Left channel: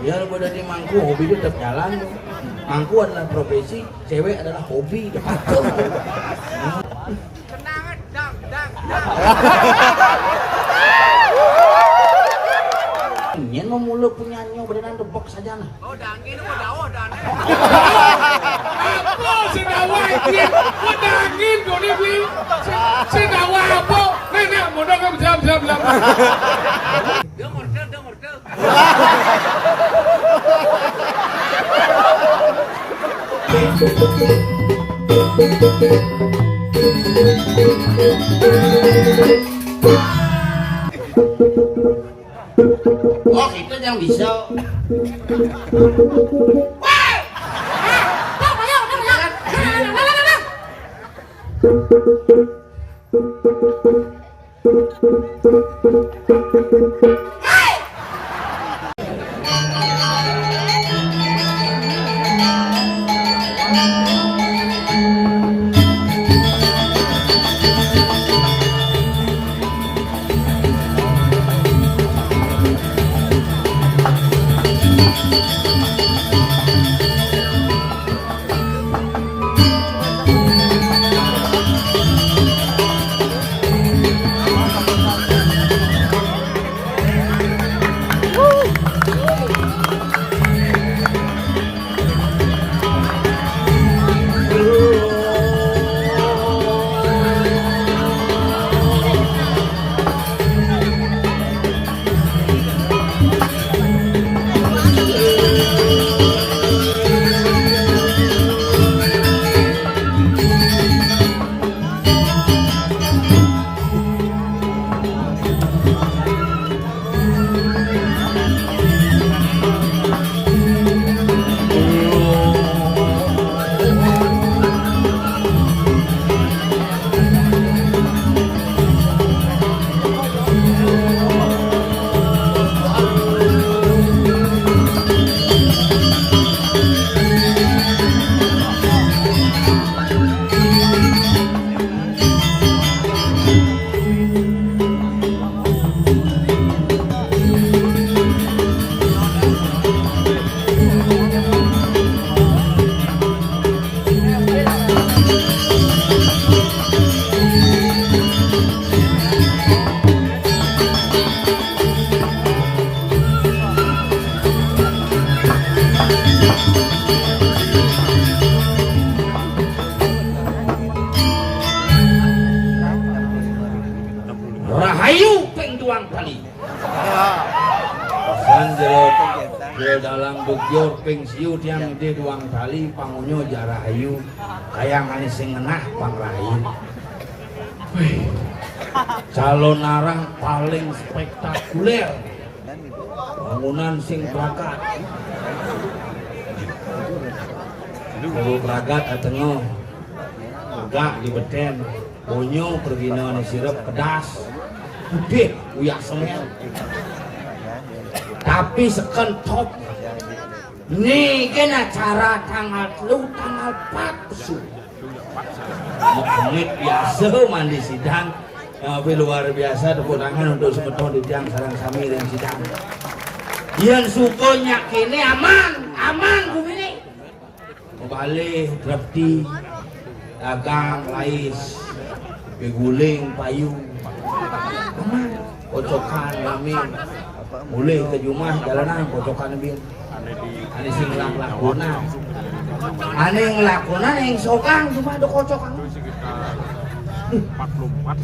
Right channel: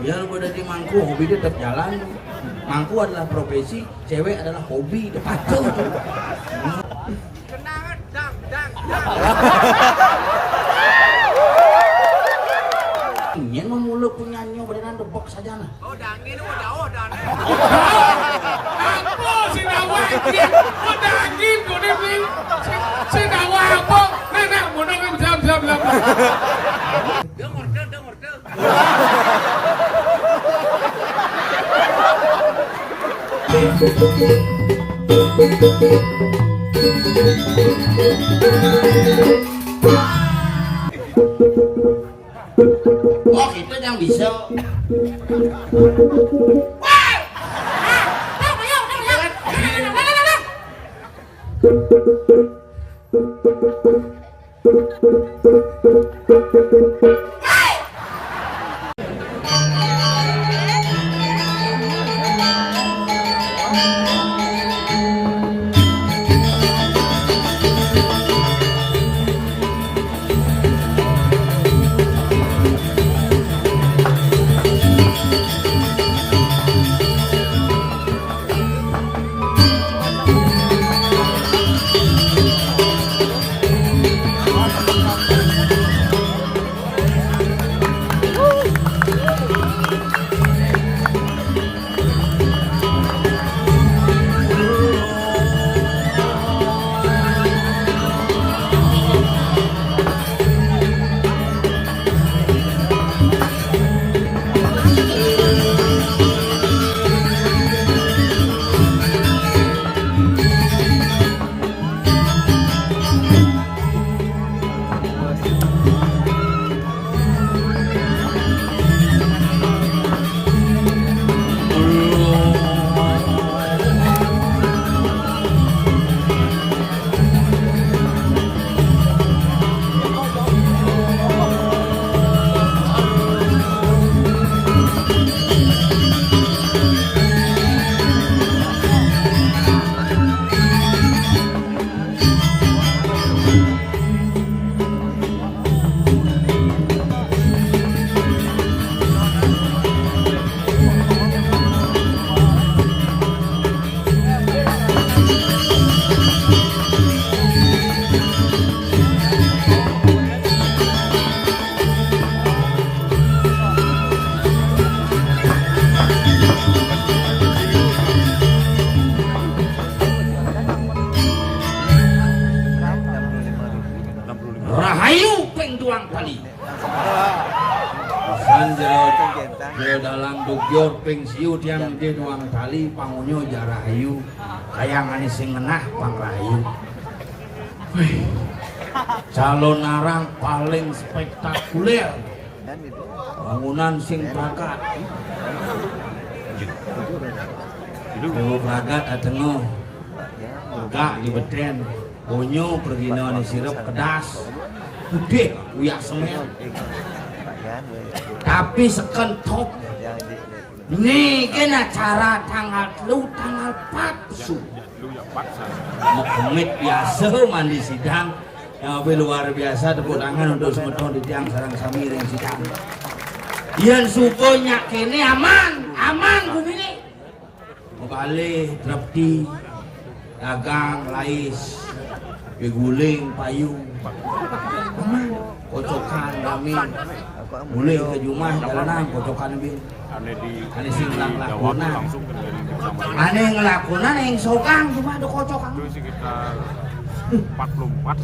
Biar gue di mangku, hobi itu tetap jalan tuh. Mangku adalah profesi, cewek adalah hobi, dekat tuh. Kenangan, dang. Ingin memuluk penyanyi beneran depok saja nah. Oh, dangin lu dawa dane. Apa sing awak iki? Kok dangin gone kuwi? Sing awak apa? Nah, mono kan jam. Dia ngordel. Oh itu yang bisa. Rahayu peng tuang kali. Sanjel dalam bugyur peng siu tiang di tuang kali pangunyo jarahayu kayak manis sing ngenah pang rahayu. Calon arang paling spektakuler. Bangunan sing prakat. Dewa prakat atengu. Gak di beten. Bonyo pergina ni sirup pedas. Gede uyak semen. Tapi sekentop. Ini kan acara tanggal 4 Su. Menit biasa mandi sidang. Tapi luar biasa kekurangan untuk semeton di tiang sarang sami yang sidang. Yang sukonya kini aman kumini. Kembali drepti, dagang, lais, guling, payung, kocokan kami, boleh ke Jumah jalanan kocokan kami. Ane sing ngelakunan, yang sokang cuma ada kocokan.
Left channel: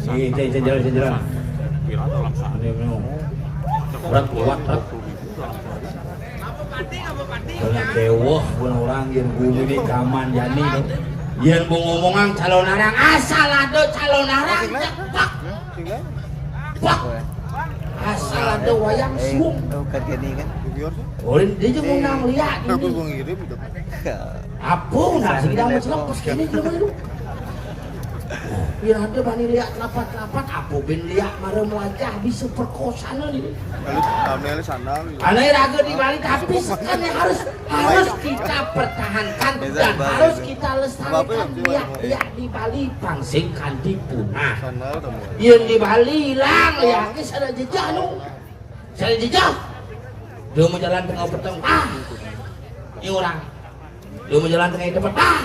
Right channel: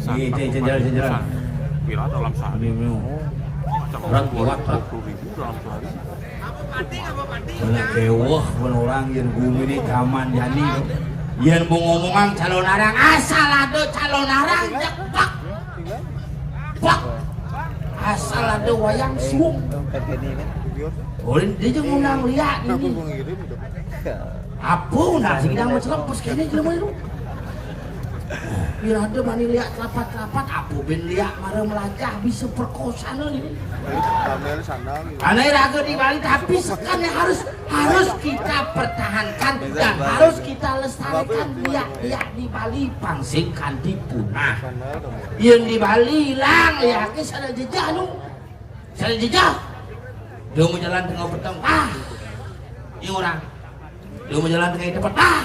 Ini jalan. Kira dalam sehari. Berat kuat tak? Karena kewah orang yang bumi di kaman jani yang mau ngomongan calon arang asal ada calon arang cepak asal ada wayang suung boleh dia juga ngundang lihat ini apa nasi kita mau selepas kini juga itu biar ada bani lihat rapat-rapat apa ben lihat marah melacak bisa perkosa nih aneh raga di Bali tapi sekarang harus kita pertahankan dan harus kita lestarikan lihat di Bali pangsingkan dipunah yang di Bali hilang ya ada jejak nu ada jejak Dia mau jalan tengah petang, ini orang. Dia mau jalan tengah depan,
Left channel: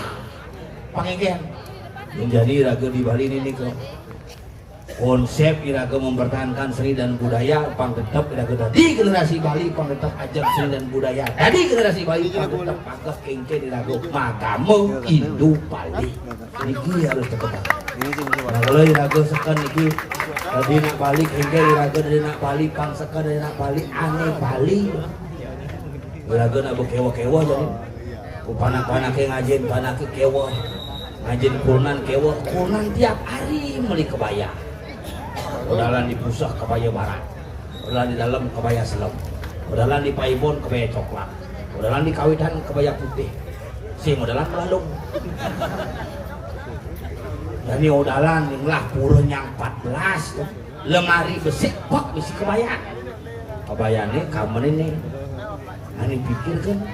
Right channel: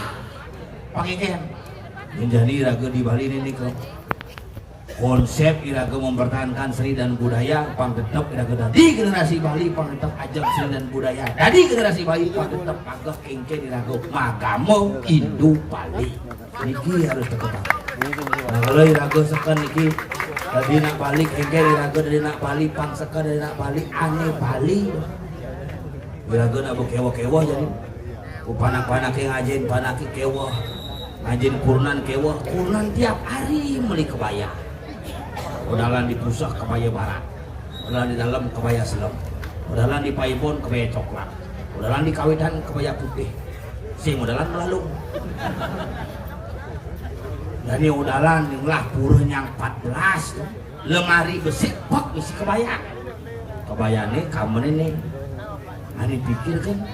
pakai ken. Menjadi raga di Bali ini ke konsep iraga mempertahankan seni dan budaya panggetep iraga dari generasi Bali panggetep ajak seni dan budaya dari generasi Bali panggetep pagak kengke iraga magamo Indo Bali niki harus diketak. Nah kalau iraga sekan niki tadi nak balik kengke iraga dari nak Bali pang sekan dari nak Bali aneh Bali iraga nak kewa-kewa jadi panak-panak yang ngajin panak kewa ngajin kurnan kewa kurnan tiap hari beli kebaya. Udalan di pusat kebaya barat, udalan di dalam kebaya selom, udalan di paibon kebaya coklat, udalan di kawitan kebaya putih, sing udalan melalung. Dari udalan inilah puluh yang 14 tuh, lemari besi pok besi kebaya, kebaya nih kamu ini, ani pikirkan,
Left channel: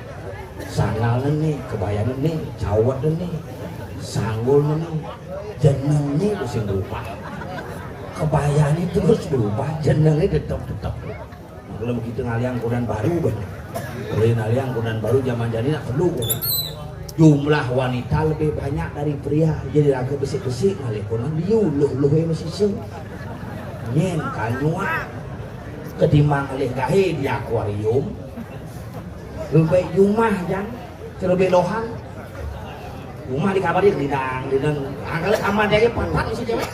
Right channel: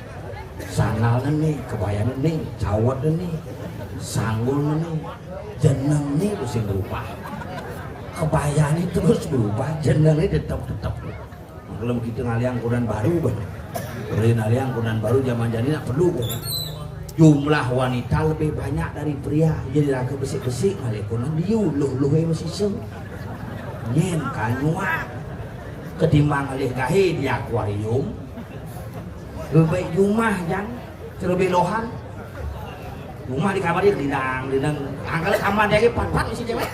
sanggal nih, kebaya nih, cawat nih, sanggul nih, jeneng nih besi berupa. Kebaya ini terus berubah, jenengnya tetap. Kalau begitu ngaliang kunan baru banyak. Kalau ngaliang kunan baru zaman jadi nak perlu banyak. Jumlah wanita lebih banyak dari pria. Jadi raga besi-besi ngaliang kunan diuluh masih seng. Nyen kanyua ketimbang ngaliang kahe di akuarium. Lebih rumah yang terlebih lohan. Rumah di kamar dia didang. Angkali kamar dia pan isi cewek.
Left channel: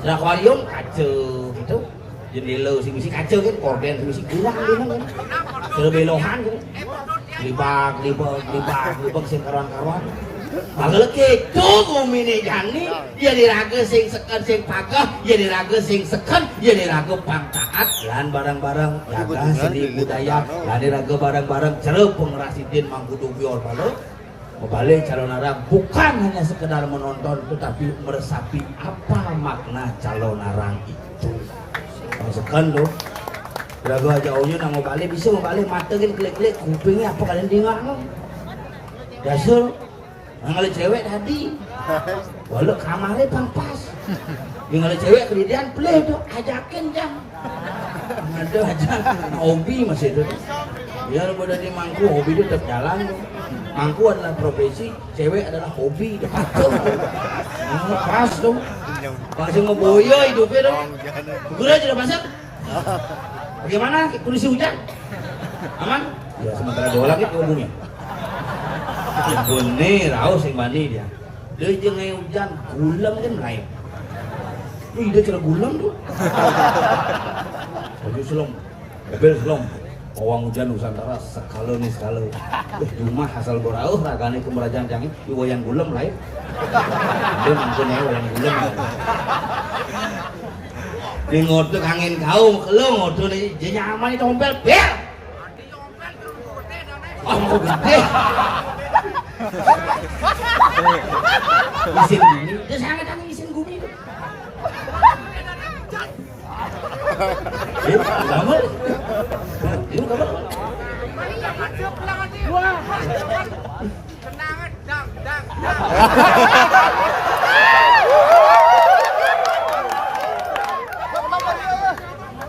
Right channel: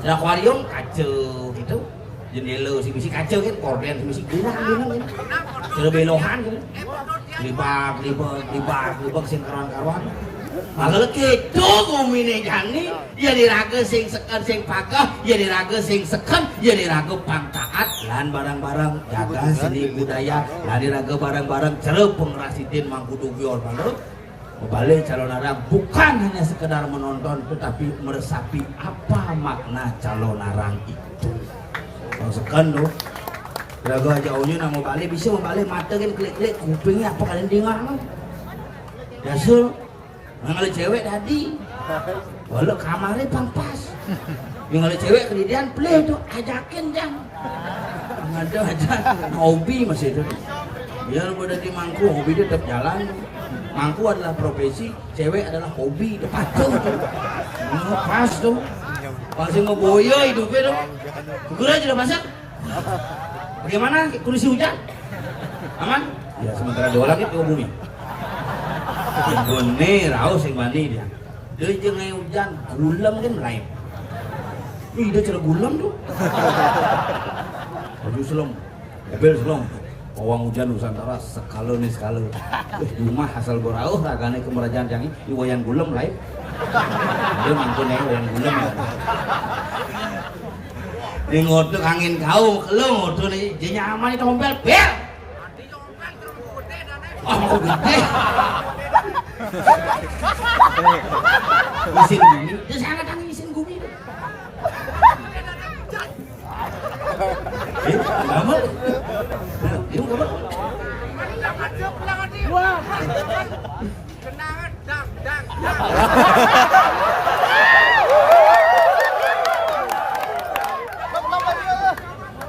Di akuarium kacau gitu, jendela si kacau kan, korden si kurang kan, terlebih lohan gitu, libak sing karuan. Kalau gitu ngomongin jani, jadi raga sing sekan sing pagah, jadi raga sing sekan, jadi raga pangkaat, lan barang-barang jaga seni budaya, lan raga barang-barang cerep pengrasidin mangkudu bior balu. Kembali calon arang bukan hanya sekedar menonton tetapi meresapi apa makna calon arang itu. Maksudkan tuh, kira-kira jauhnya nang balik bisa balik mata kan klik-klik kupingnya apa kalian dengar no? Dasar, nang cewek tadi, walau kamarnya pampas, yang ada cewek kemudian play tuh ajakin jangan, ada aja hobi masih itu. Biar pada di mangku hobi itu tetap jalan tuh. Mangku adalah profesi, cewek adalah hobi, dekat tuh. Pas tuh. Langsung ngeboyo hidupnya dong. Segera sudah masak. Bagaimana kondisi hujan? Aman? Ya sementara jauh lagi ke bumi. Bone rau sing mandi dia. Dia jangan hujan, gulam kan lain. Ini dia celah gulam tuh. Baju selom, bebel selom. Awang hujan Nusantara sekali rumah asal gorau ragane kemerajaan yang ini wayang gulem lain dia mangkune wayang gulem di ngotuk angin kau lo ngotuk nih dia nyaman itu ompel bel mau gede isin gini dia sangat angin isin gumi kamu itu kamu kenangan dang.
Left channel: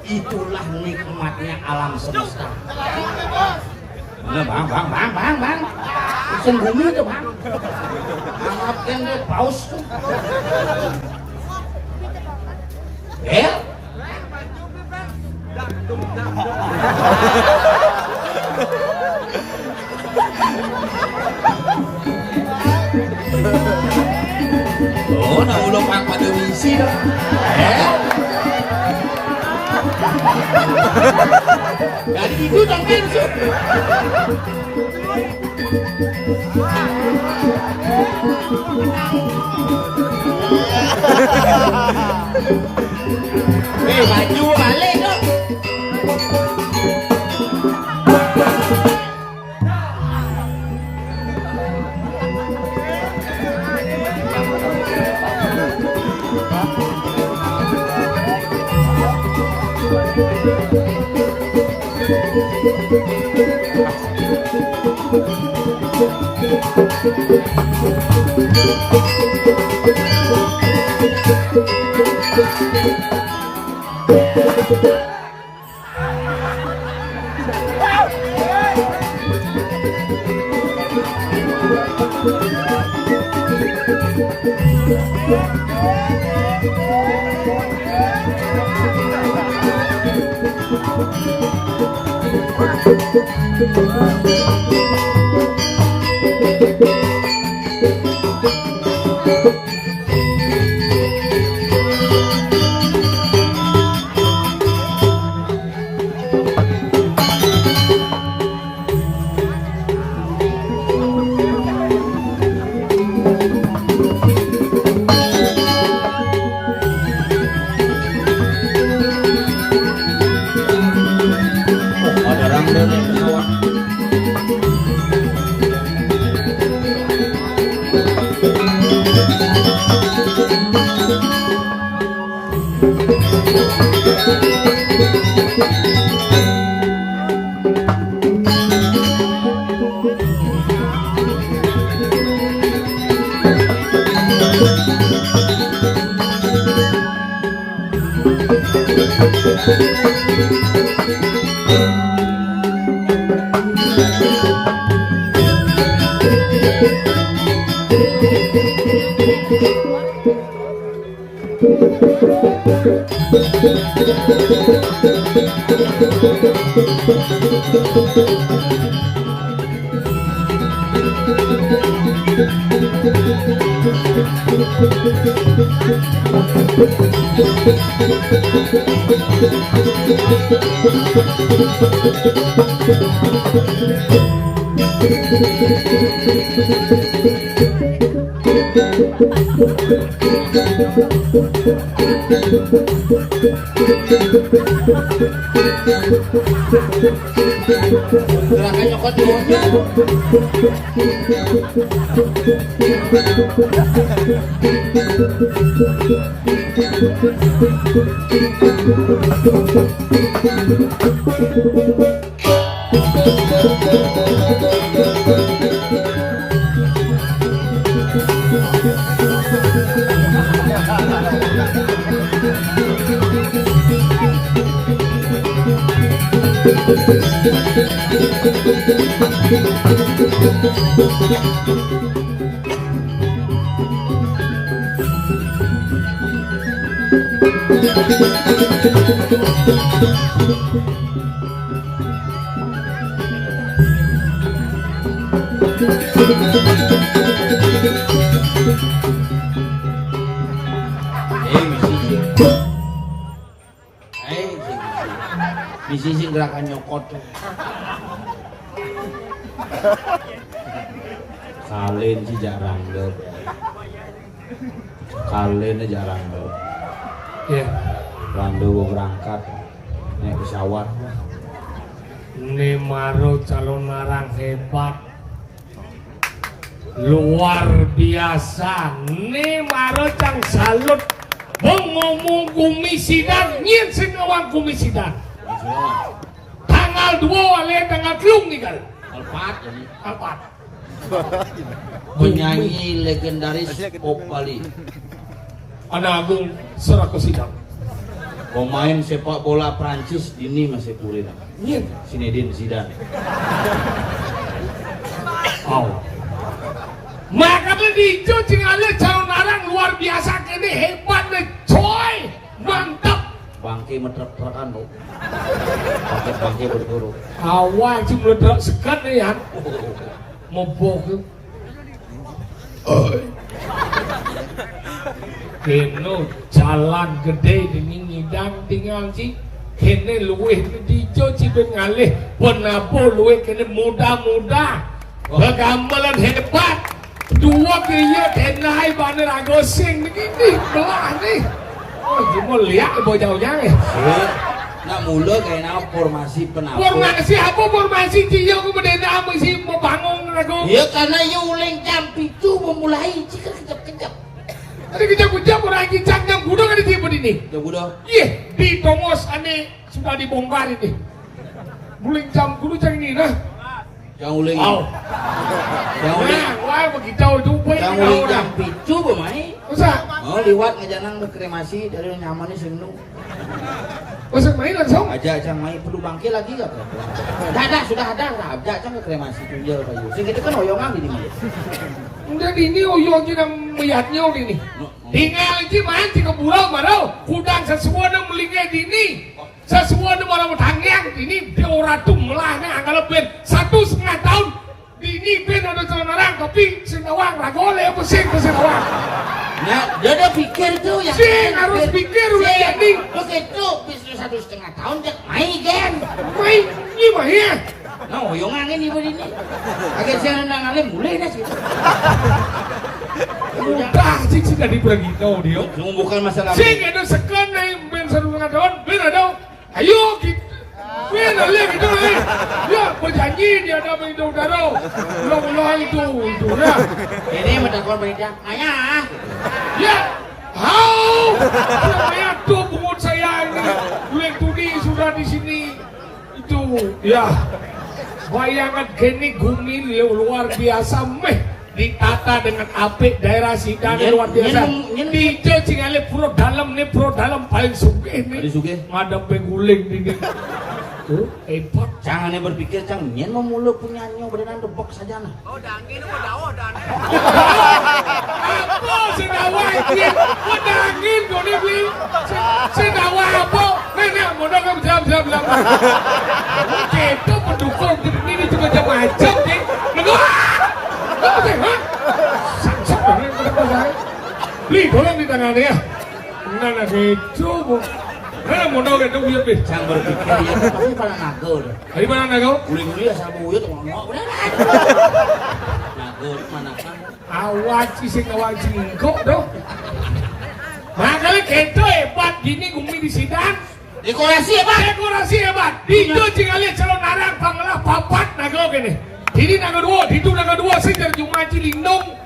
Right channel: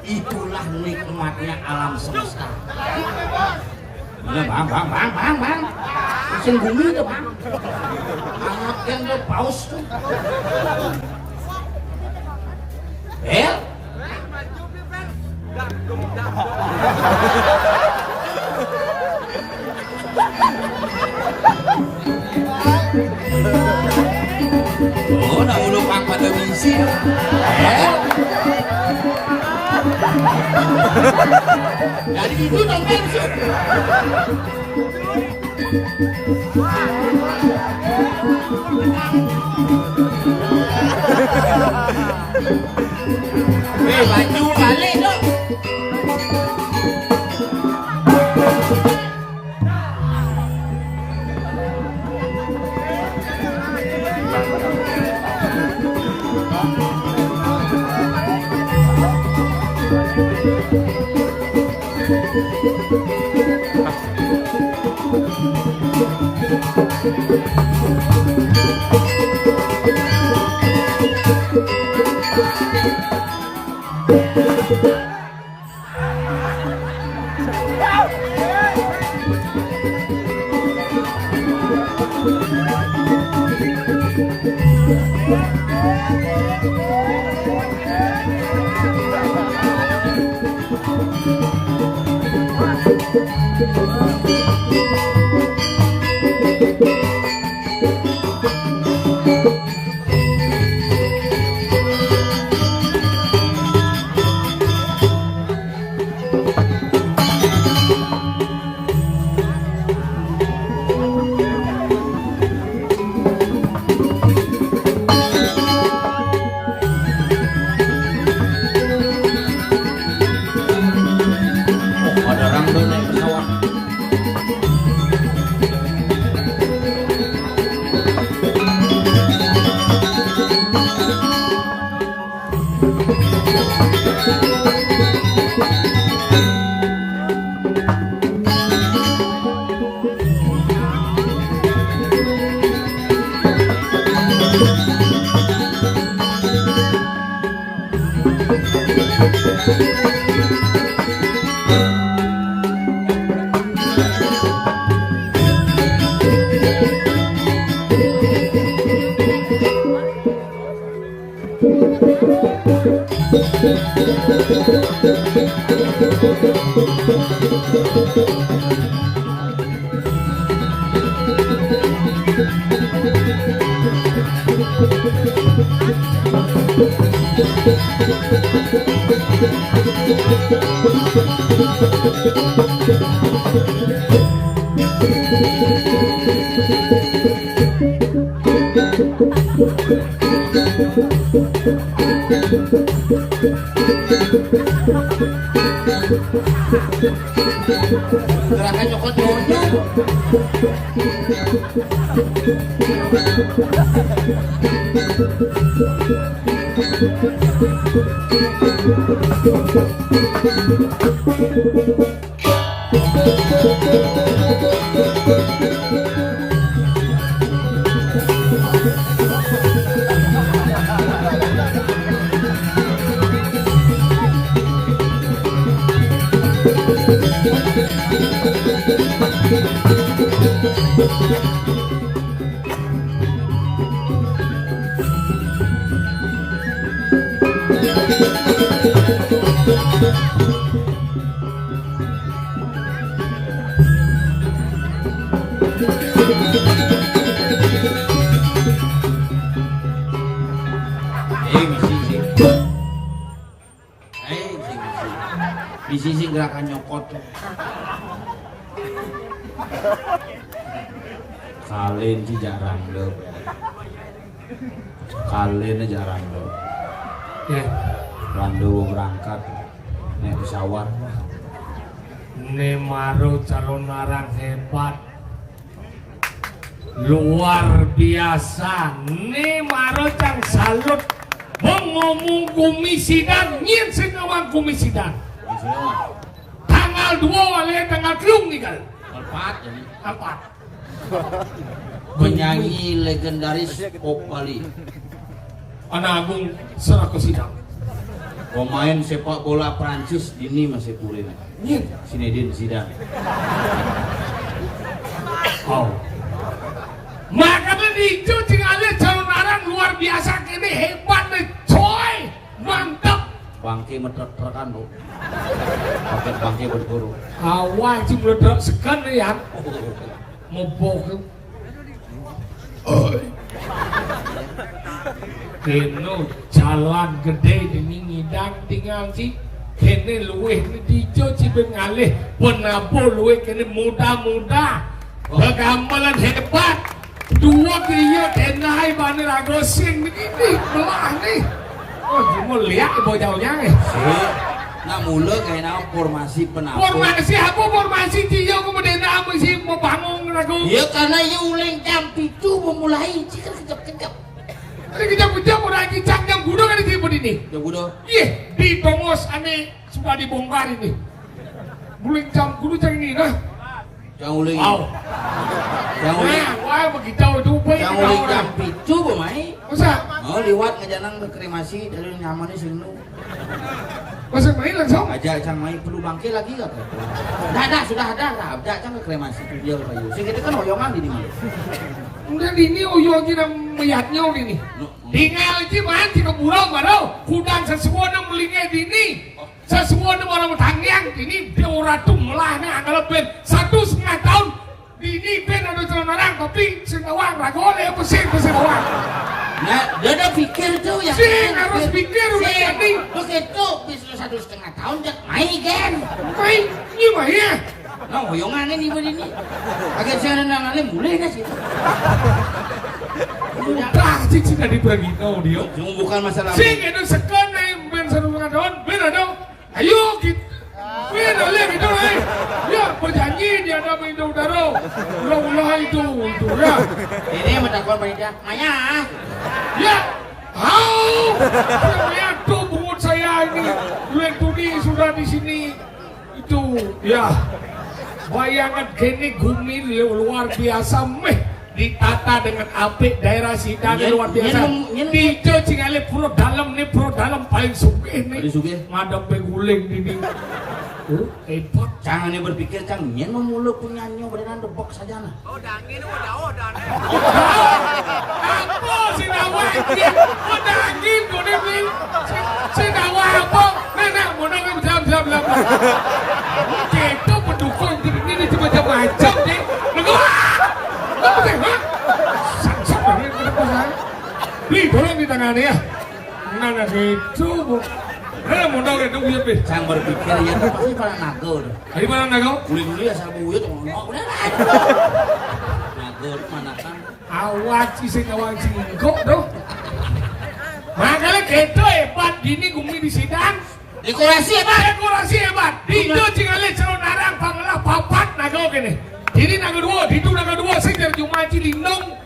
Itulah nikmatnya alam semesta. Bang. Isin bumi itu bang. Angatkan ke paus tuh. Oh, naulog ang padawisi. Dari ibu bang Benso. Baju balik dong. Ada random naik pesawat. Gerakan nyokot nyokot. Misi gerakan nyokot. Kalian sih jarang deh. Kalian jarang deh. Rando berangkat naik pesawat. Ini Maro calon narang hebat, luar biasa. Ini Maro cang salut. Ngomong kumisidan, nyin sinawang kumisidan. Tanggal 2 alias tanggal 3 nih kan? Alpat jadi. Alpat. Penyanyi legendaris Opali. Anak Agung Serakosidang. Pemain sepak bola Prancis ini masih kuliah. Nyin. Zinedine Zidane. Oh. Maka di itu tinggalnya calon narang luar biasa kini hebat nih coy, mantap. Bangke metrek-trekan bu. Pakai bangke berguru. Awal sih meledak sekan ya. Mau bohong. Keno jalan gede demi ngidang tinggal sih. Kene luweh di itu sih bengalih penapo luweh kene muda-muda. Kegambalan hebat. Dua kaya tenai baner agosing begini doang nih. Oh, cuma lihat ibu jauhnya ya. Nak mula kayak nama formasi penapur. Formasi apa formasi dia kemudian apa sih mau bangun aku? Ya karena yang ulang jam itu memulai jika kejap-kejap. Ini kejap-kejap orang kicang jam kuda kan di tempat ini. Udah kuda. Iya di Tongos ane sudah dibongkar ini. Mulai jam kuda jam ini lah. Jangan ulang. Wow. Jangan ulang. Wah begitu itu baik. Jangan ulang jam itu pemain. Masa? Oh liwat ngejanang ke kremasi dari nyamannya sengnu. Masuk main langsung. Ajak Cang main perlu bangke lagi gak? Ada sudah ada lah. Ajak Cang ke kremasi jual kayu. Sing itu kan hoyongan di mana? Udah ini oyongnya dan melihatnya ini. Tinggal itu main di kebulau baru. Kudang sesuatu melingkai dini. Sesuatu orang tangiang ini dia orang tu melahnya kalau ben 1,5 tahun dini ben ada orang tapi senawang ragole apa sih senawang. Nah, dia udah pikir tuh yang sih harus pikir udah jadi. Lu gitu bis 1,5 tahun dah main kan. Main ini mah ya. Nah, hoyongan ini begini. Agak jangan nangannya mulai dah sih. Udah sih sudah dibagi tahu dia. Cuma bukan masalah. Sih itu sekan nih ben 1,5 tahun ben ada. Ayo kita, beda lihat itu lagi. Ya berjanji dia ada main udara. Ulah itu ya. Ini mendapat beda. Ayah. Ya, Maya tuh bungut saya ini. Lihat Tudi sudah di sini. Itu ya. Bayangan gini gumil luar biasa meh. Ditata dengan apik daerah Sidang luar biasa. Itu cingale pro dalam paling sugih nih. Paling sugih. Madam peguling ini. Oh, hebat. Jangan berpikir Cang, nyen mau mulu punya nyo berenang debok saja nah. Oh, dangin lu jauh dane. Apa sinawa iki? Udah angin gone kuwi. Sinawa apa? Nah, modal kan jam-jam. Kita pendukung ini cuma macam nih. Apa sih, ha? Sak kenapa saya? Beli doang di tangannya ya. Nah, gitu, Bu. Nah, modal itu dia, Pi. Cang berpikir ya itu pasti pala nagol. Dari mana nago? Uli-uli ya sama buyut ngomong udah. Nagol mana kan? Awas sih kawan cingkok dong. Nah, kalau kita hebat gini gumi di Sidang. Dekorasi hebat. Itu cingale calon arang pangalah papat nago kene. Ini nago dua sih dari Jumaji Lindong.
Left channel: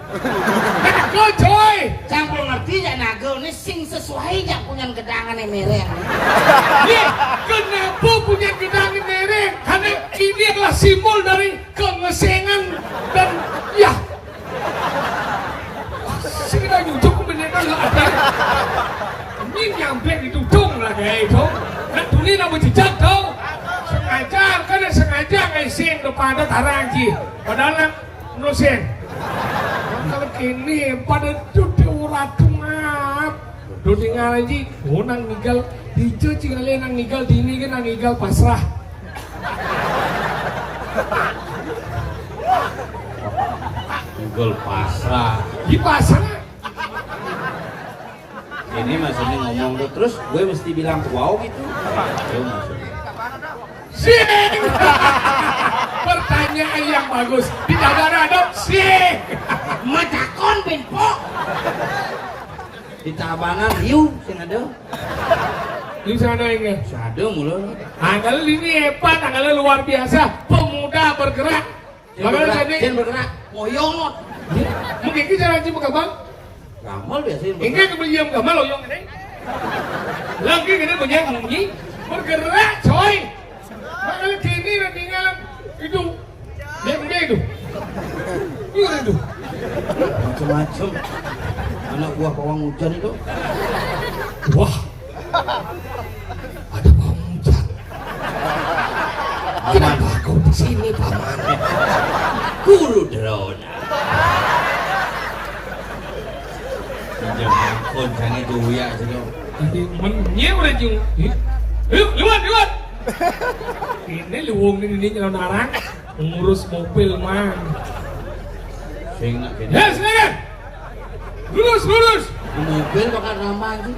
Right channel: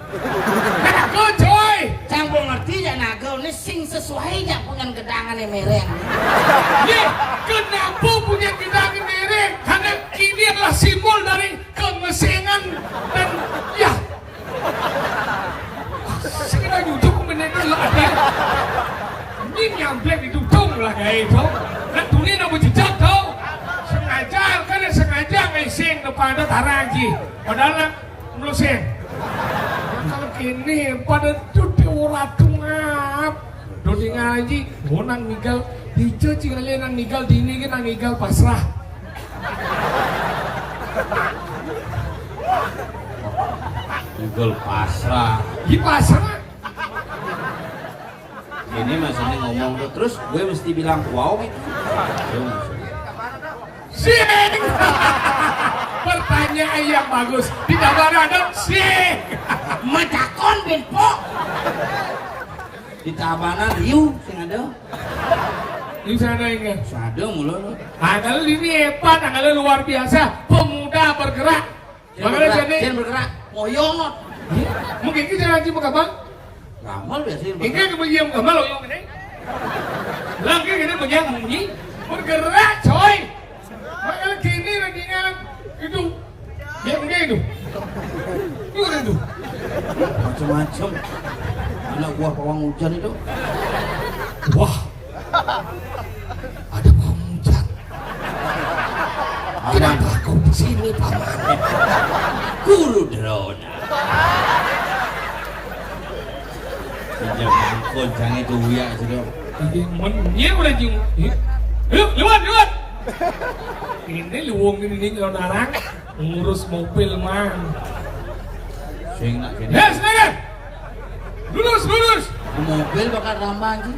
Nago coy. Cang belum ngerti ya nagol ini sing sesuai ya punya gedangan yang mereng. Nih, kenapa punya gedangan mereng? Karena ini adalah simbol dari kemesengan dan ya. Segera duduk menyentuh ada. Ini nyamplek didudung lah kayak itu. Nak tuli nak berjejak tau. Sengaja ngasing depan ada tarangi. Padahal nak nusin. Kalau kini pada duduk orang tungap. Duduk ngaji, nang nigal. Dicuci kalian nang nigal dini kan nang nigal pasrah. Nagol pasrah. Di pasrah. Ini maksudnya ngomong tuh terus gue mesti bilang wow gitu. Itu maksudnya. Sing. Pertanyaan yang bagus. Ditambah dong sing. Matakon benpo. Di tabanan riu sing ada. Di sana ingat. Sade mulu. Kalau ini hebat, kalau luar biasa. Pemuda bergerak. Bagaimana jadi? Jangan bergerak. Moyong. Mungkin kita janji mengabang. Gamal biasanya. Ini kemudian gamal oyong ini. Lagi ini punya bunyi bergerak coy. Makanya kini nantinya itu yang itu. Itu. Macam-macam. Anak buah pawang hujan itu. Wah. Ada pawang hujan. Kenapa kau di sini, Paman? Guru drone. Jangan koncang itu ya sudah. Ini menye udah jeng. Lewat. Ini luwung ini nyelon narang ngurus mobil man. Sing nak ini. Ya, silakan. Lurus. Mobil bakal ramah itu.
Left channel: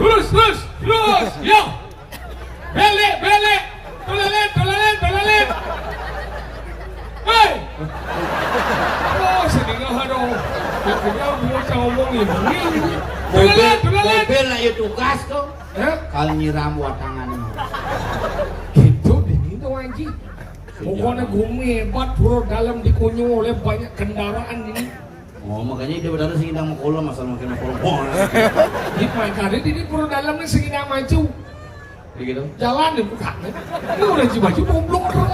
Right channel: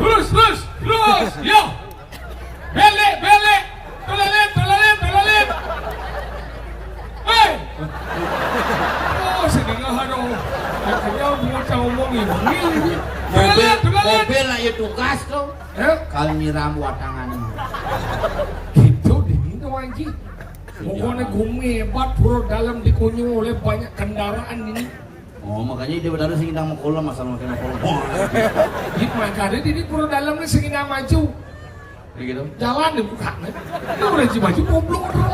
Lurus. Yo. Belek. Tolalet. Hei. Oh, sedingah aduh. Kita mau ngomong ini. Mobil nak ya tugas tuh. Ya. Kalau nyiram watangan. Gitu dingin tuh anjing. Pokoknya gumi hebat bro dalam dikunyah oleh banyak kendaraan ini. Oh makanya dia benar sih nang mukul masalah makin mukul. Di makanya ini bro dalamnya segini maju. Kayak gitu. Jalan di bukan. Itu udah maju goblok bro.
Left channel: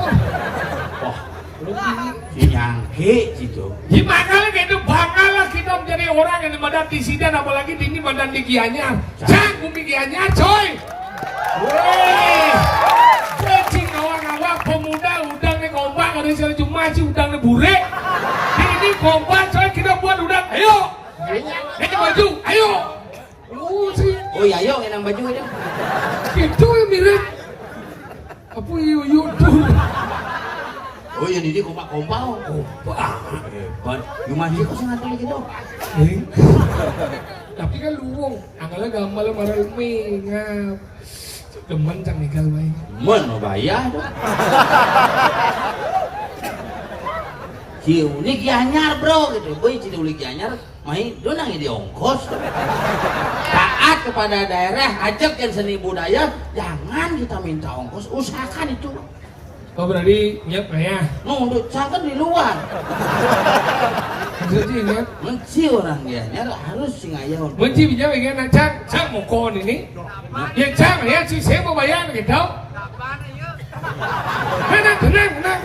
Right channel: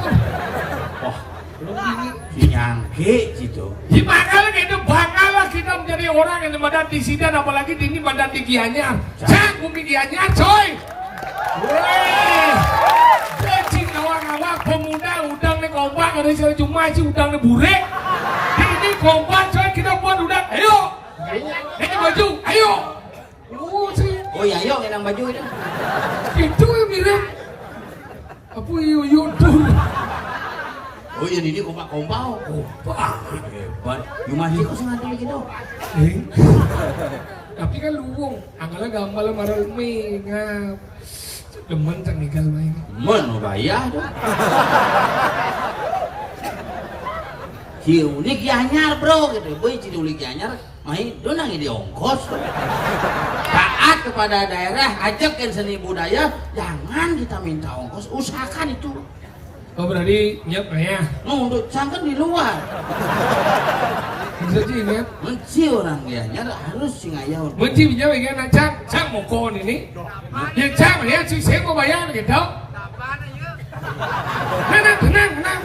Wah, Belum ini. nyangke gitu. Di makanya itu banggalah kita menjadi orang yang badan di Sidang apalagi di ini badan di Gianyar. Cang bumi Gianyar coy. Weh, jadi ngawang-ngawang pemuda udang nih kompak ada saya cuma sih udang nih burek. Ini kompak saya kita buat udang, ayo, ini baju, ayo. Sih. Oh iya, yuk yang baju itu. Itu yang mirip. Apa yuk tuh? Oh iya, ini kompak-kompak. Kompak. Hebat. Yung masih kok sengaja gitu. Tapi kan luwung, anggalnya gampang marah umi, ngap. Demen kan nikah main. Men bayar tuh. Unik anyar bro gitu. Boy jadi unik anyar, main donang di ongkos. Taat kepada daerah, ajakkan seni budaya, jangan kita minta ongkos, usahakan itu. Oh berarti nyet ya? Untuk cangkem di luar. Jadi nyet. Menci orang dia, nyara harus singayau. Menci bisa bagaimana cang mau kon ini? Ya cang ya, si saya mau bayar gitu. Kapan aja? Tenang.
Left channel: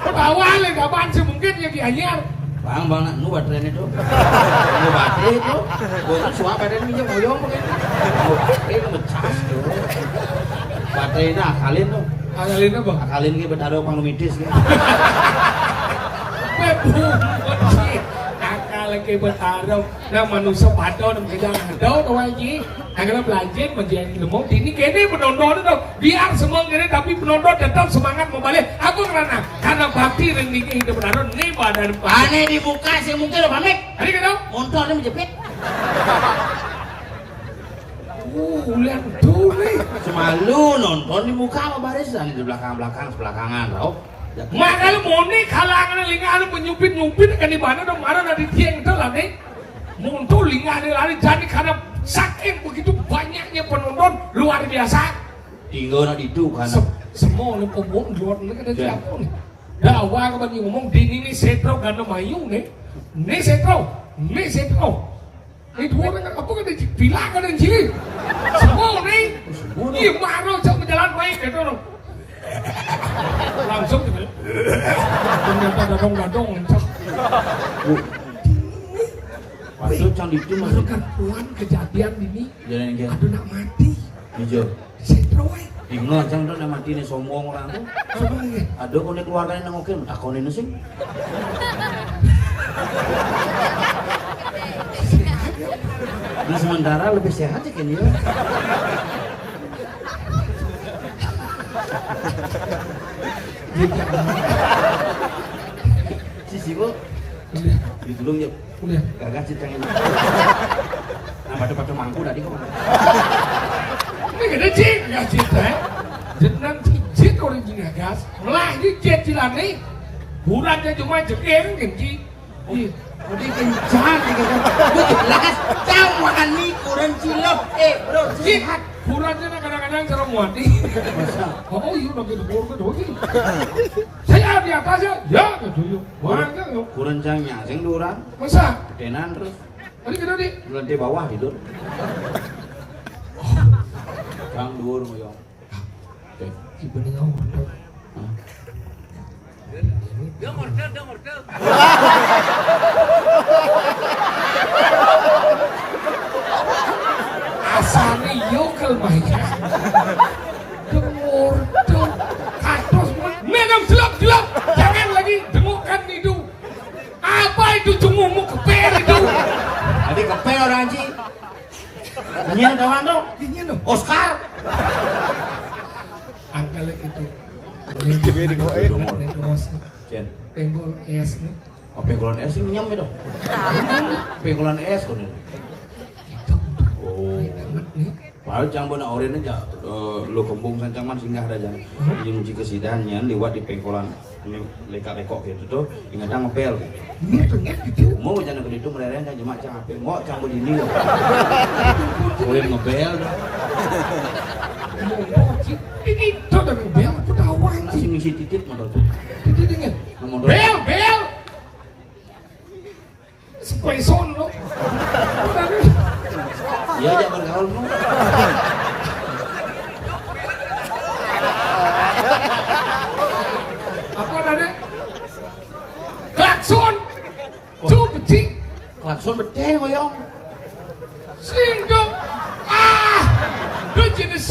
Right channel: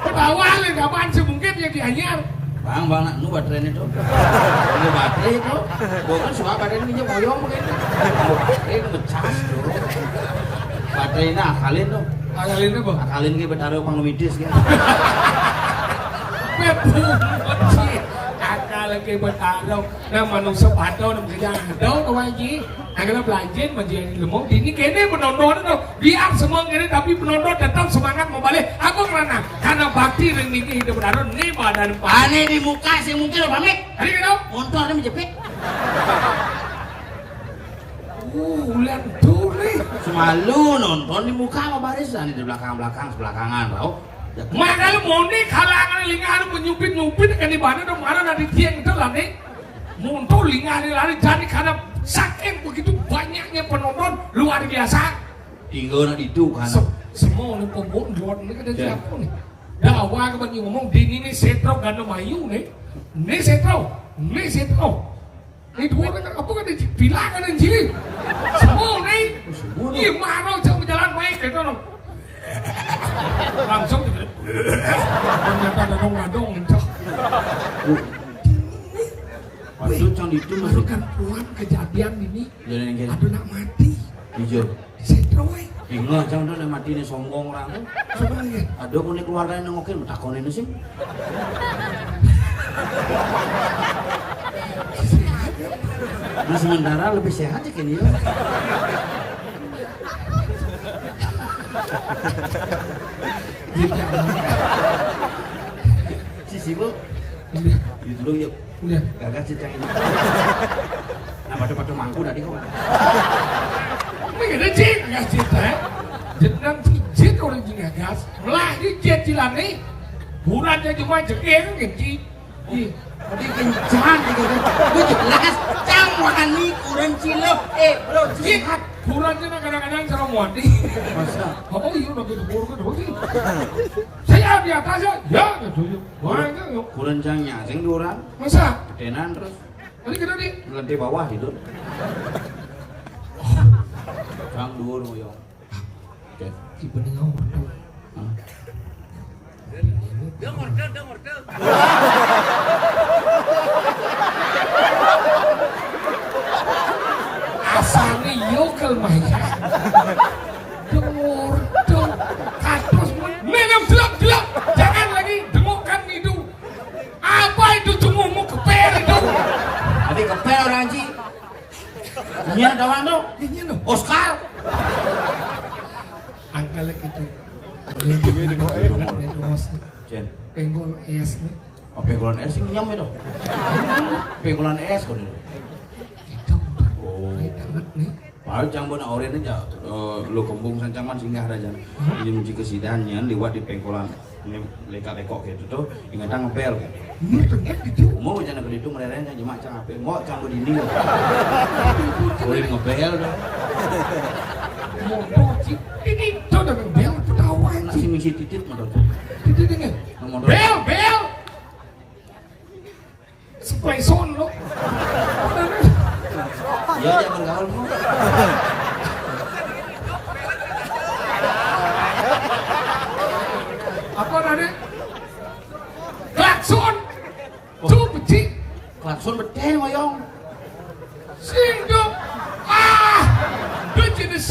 Pertawalan kapan sih mungkin ya dianyar. Bang, nu baterai itu. Nu baterai itu. Bukan semua baterai minyak moyong begitu. Nu baterai itu becas tuh. Baterainya akalin tuh. Akalin apa? Akalin kita bertaruh panglumitis gitu. Akal ke bertaruh. Nah manusia patok nak kerja ada kau aji. Agar belajar menjadi lemong. Ini kene penonton itu biar semua kene tapi penonton tetap semangat mau balik. Aku karena bakti dan ini hidup bertaruh ni badan. Aneh di muka sih mungkin lo pamit. Hari kenapa? Untuk ada menjepit. Ulan tuh nih. Cuma lu nonton di muka apa barisan di belakangan tau. Makanya mau nih kalangan lingan menyupit kan di mana dong mana dari tiang itu lah nih. Muncul lingan lari jadi karena saking begitu banyaknya penonton luar biasa. Tinggal itu kan. Semua nih pembon jual ini kan ada siapa nih. Dakwah kepada ngomong di ini setro dan mayu nih. Ini setro. Ini dua kan apa kan bilangan dan jili. Semua nih. Ini marah jangan berjalan baik itu dong. Langsung ternyata gadong-gadong. Maksud can itu Masuk perempuan kejadian ini. Jalan yang Aduh nak mati. hijau. Setro Ingat cang tuh udah mati nih sombong orang tuh. sebenarnya. Aduh kau nih keluarganya nengokin, takonin sih. Nah sementara lebih sehat ya kan dia. Si bu, itu dulu ya. Udah. Gagah cerita ini. Nah batu-batu mangku tadi kok. Ini ada jin nggak cerita? Jenang jin orang jin gas. Melagi jin cilane. Bulannya cuma jekir kan jin. Udah kencang gitu. Lu jelas cang makan mie orang cilok. Bro sehat. Bulannya kadang-kadang serem mati. Masa? Oh iya lagi di bawah kedua. Saya di atas ya. Ya gitu. Wah yuk. Kurang cangnya, ceng durang. Masa? Ketenan terus. Tadi kita di. Lantai bawah hidup. Kang dur moyong. Ibu nengok. Dia ngorder. Asani yo kelmahnya. Dengur tuh katos menam jelak. Jangan lagi dengokan itu. Apa itu cumumu keper itu? Tapi kepel orang Ci. Ini ada wano. Ini loh. Oscar. Angkalek itu. Gini kok Jen. Penggol es nih. Oh penggolan es ini nyam itu. Penggolan es kan itu. Itu Oh. nih. Paling cang beuna oren aja. Lo kembung sancangan singgah aja. Jadi muci kesidannya liwat di penggolan. Ini lekak-lekok gitu tuh. Ingatang ngepel. Ini ternyata itu. Mau jangan begitu mereren aja mak cang apel. Mau cang begini loh. Boleh ngepel dah. Ini tuh udah bel ketawa Nak sih misi titik motor tuh. ini. Bel. Espresso lo. Iya aja bergaul mau. Apa tadi? Klakson. Tuh becik. Klakson betul moyong. Sing tuh. Tuh jenis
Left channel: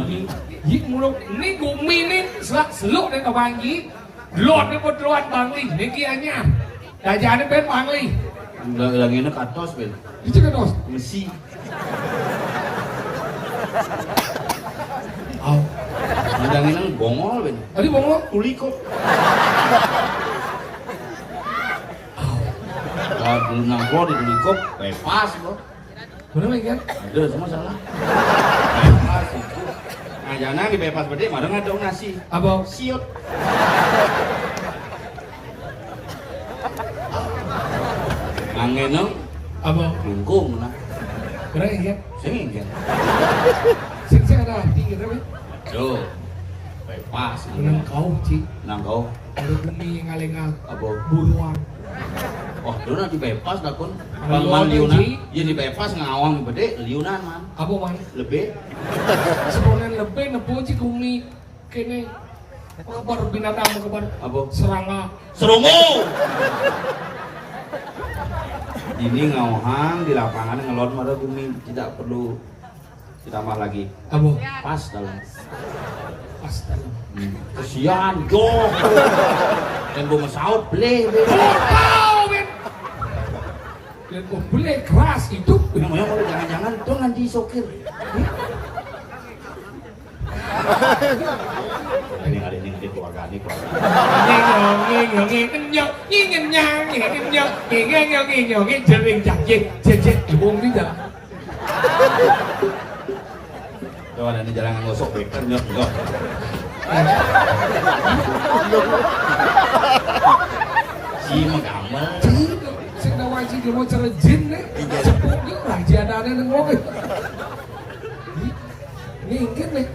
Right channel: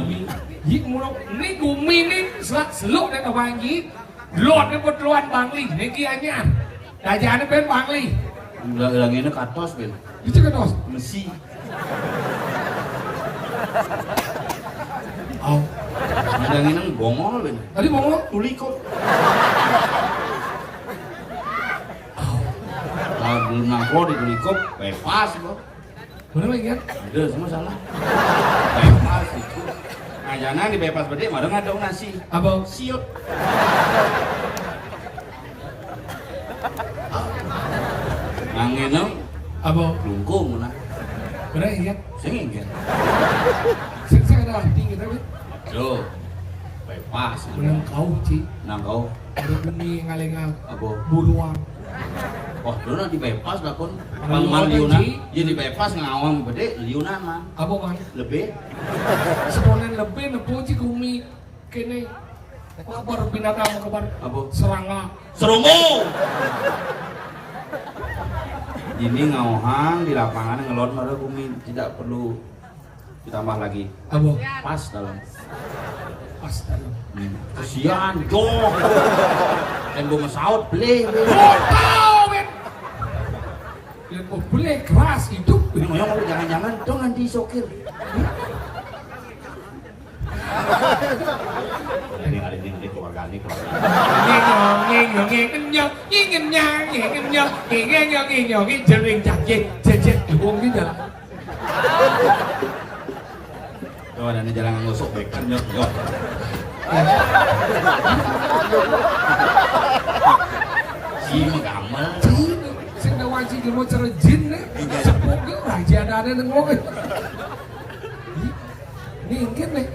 Abi, yik mulu, ni gumi ni seluk ni Bang Yi, lot ni berluat Bang Li, ni kianya, dajah ni ben Bang Li, Yang ini katos ben. itu kan dos, Mesi. oh, Yang ini bongol ben. tadi ngomong, Tulikop. Kalau dulu nangkol di tulikop, bebas kok. bener kan? Ada semua salah. Bebas itu. Nah, jangan lagi bebas gede, malah ngadong nasi. Abang, Siut. Angin abang, lungkung nah. bener kan? Singin kan. Saya ada tinggi tapi, Aduh. Bebas. dengan kau Ci, Nangkau ada beli ngalengang apa? buruang. Oh, dulu nanti bebas lah pun. Kalau Kalau man ada, liunan, Ci. jadi bebas ngawang gede, liunan man. Apa man? Lebih. Seponan lebih nepo Ci kumi kene. Apa kabar binatang kabar? Apa? Serangga. Serungu. Ini ngawang di lapangan ngelon pada bumi tidak perlu ditambah lagi. Apa? Pas dalam. Astaga. Kesian, jok. Yang gue ngesaut, beli. Kau ben. Lepo beli keras itu. Yang jangan-jangan tuh nanti sokir. Ini keluarga ini keluarga. Tuh ada di jalan ngosok bekan nyok. Si menggamel. Sing nawaji cuma cara jin nih. Sepuk itu raja ada yang ngomong. Ini ingin nih.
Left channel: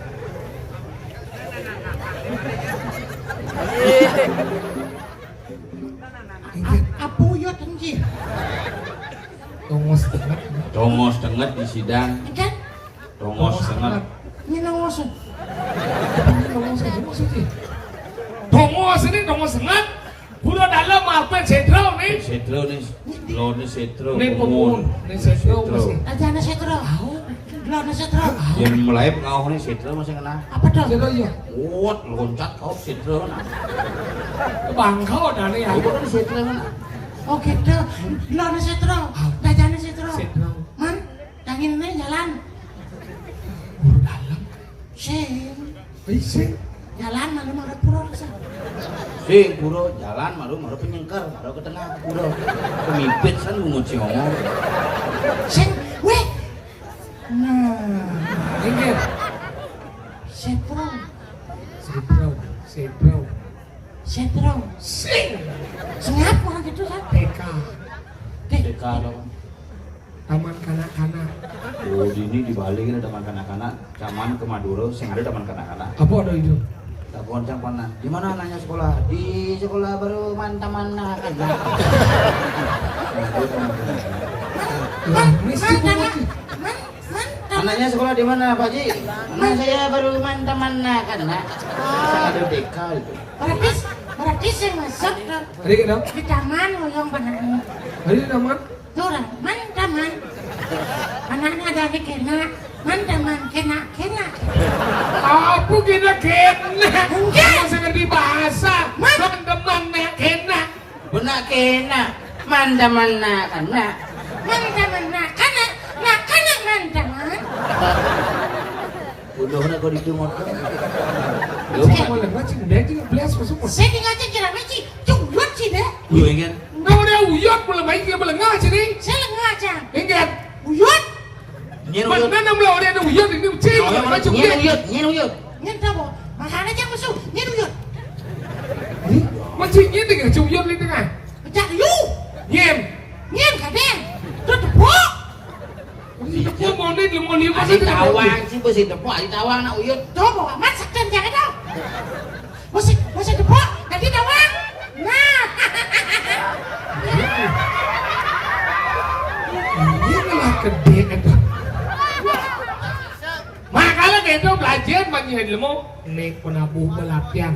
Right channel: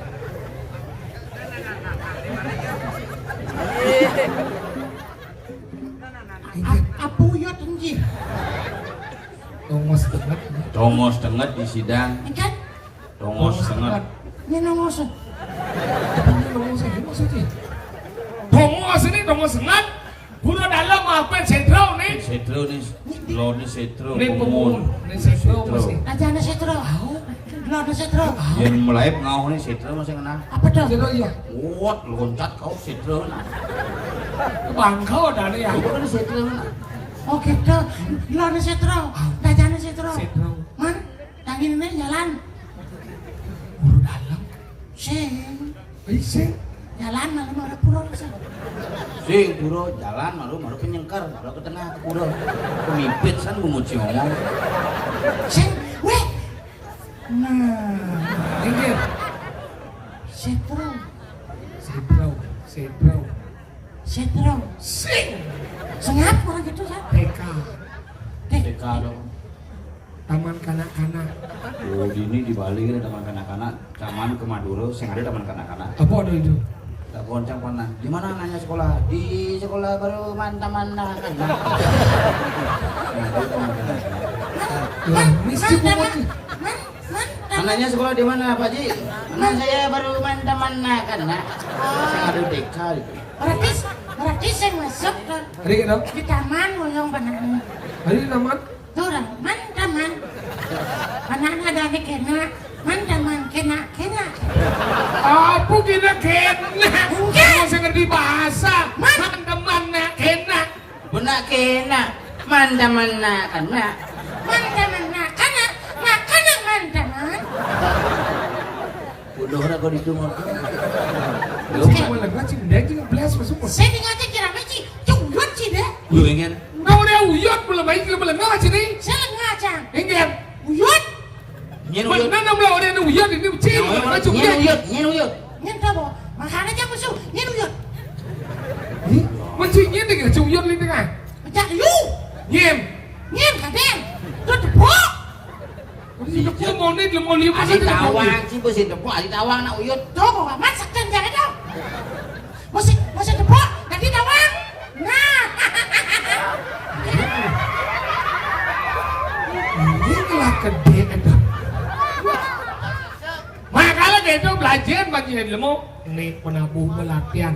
Apa ya tinggi? Tongos tengah. Dongos denget di sidang. Kan? Dongos denget. Ini nongos. Tongos ini maksudnya. Tongos ini tongos tengah. Bulan dalam apa sentral nih? Setro nih, lo nih setro. Nih pemun. Nih sentral masih. Aja ada setro. Belum ada setro. Yang mulai ngau nih setro masih kena. Apa dong? Sentral ya. Wot loncat kau setro nah. Bangkau ada nih ya. Itu kan setro nah. Oh gitu. Belum ada setro. Aja ada setro. Sentral. Man, yang ini jalan. Bulan dalam. Sing. Bisa. Jalan malam ada pura bisa. Si pura jalan malu penyengkar, malu ke tengah pura. Pemimpin san menguci ngomong. Sing. Weh. Nah. Ini Setro. sentral. Sentral. Setro. Sing. Sengap orang gitu kan? TK. TK dong. Taman kanak-kanak. Oh ini di Bali kita taman kanak-kanak, taman ke Madura, sing ada taman kanak-kanak. Apa ada itu? Tak goncang pernah. Di mana anaknya sekolah? Di sekolah baru taman kanak-kanak. Lah, mesti bupati. Anaknya sekolah di mana Pak Ji? Anak saya baru taman kanak-kanak. Ada TK itu. Berarti saya masuk ke Adik dong. di taman yang benar. Adik taman. Tuh, man taman. Anak-anak ada di kena. Man taman kena. Apa kita kena? Masih ngerti bahasa. Teman-teman nak kena. Benak kena. Mana kanak. Man taman nak kena. Man taman. Bodohnya kau ditunggu. Lu mau lewat sih, dia juga belas masuk. Saya tinggal cekira meci. Tungguan sih deh. Lu ingin? Kau dia uyot belum baik dia belum ngaji nih. Saya lagi aja. Ingat. Uyut. Nyen uyut. Mana belum ada uyot ini cing. Macam Nyen uyot. uyut. Nyen tahu. Makanya jangan musuh. Nyen uyut. Macam ini dengan uyot di tengah. Macam you. Nyen. Nyen kadang. Tuh tepuk. Aku mau nih lemah liu Asik tawang sih bersih tepuk, asik tawang nak uyut. Tuh bawa masak dan jangan dong. Masih tepuk. Nanti tawang. Nah. Inilah kedekatan. Makanya kita belajar bagi ilmu nih penabuh pelatihan.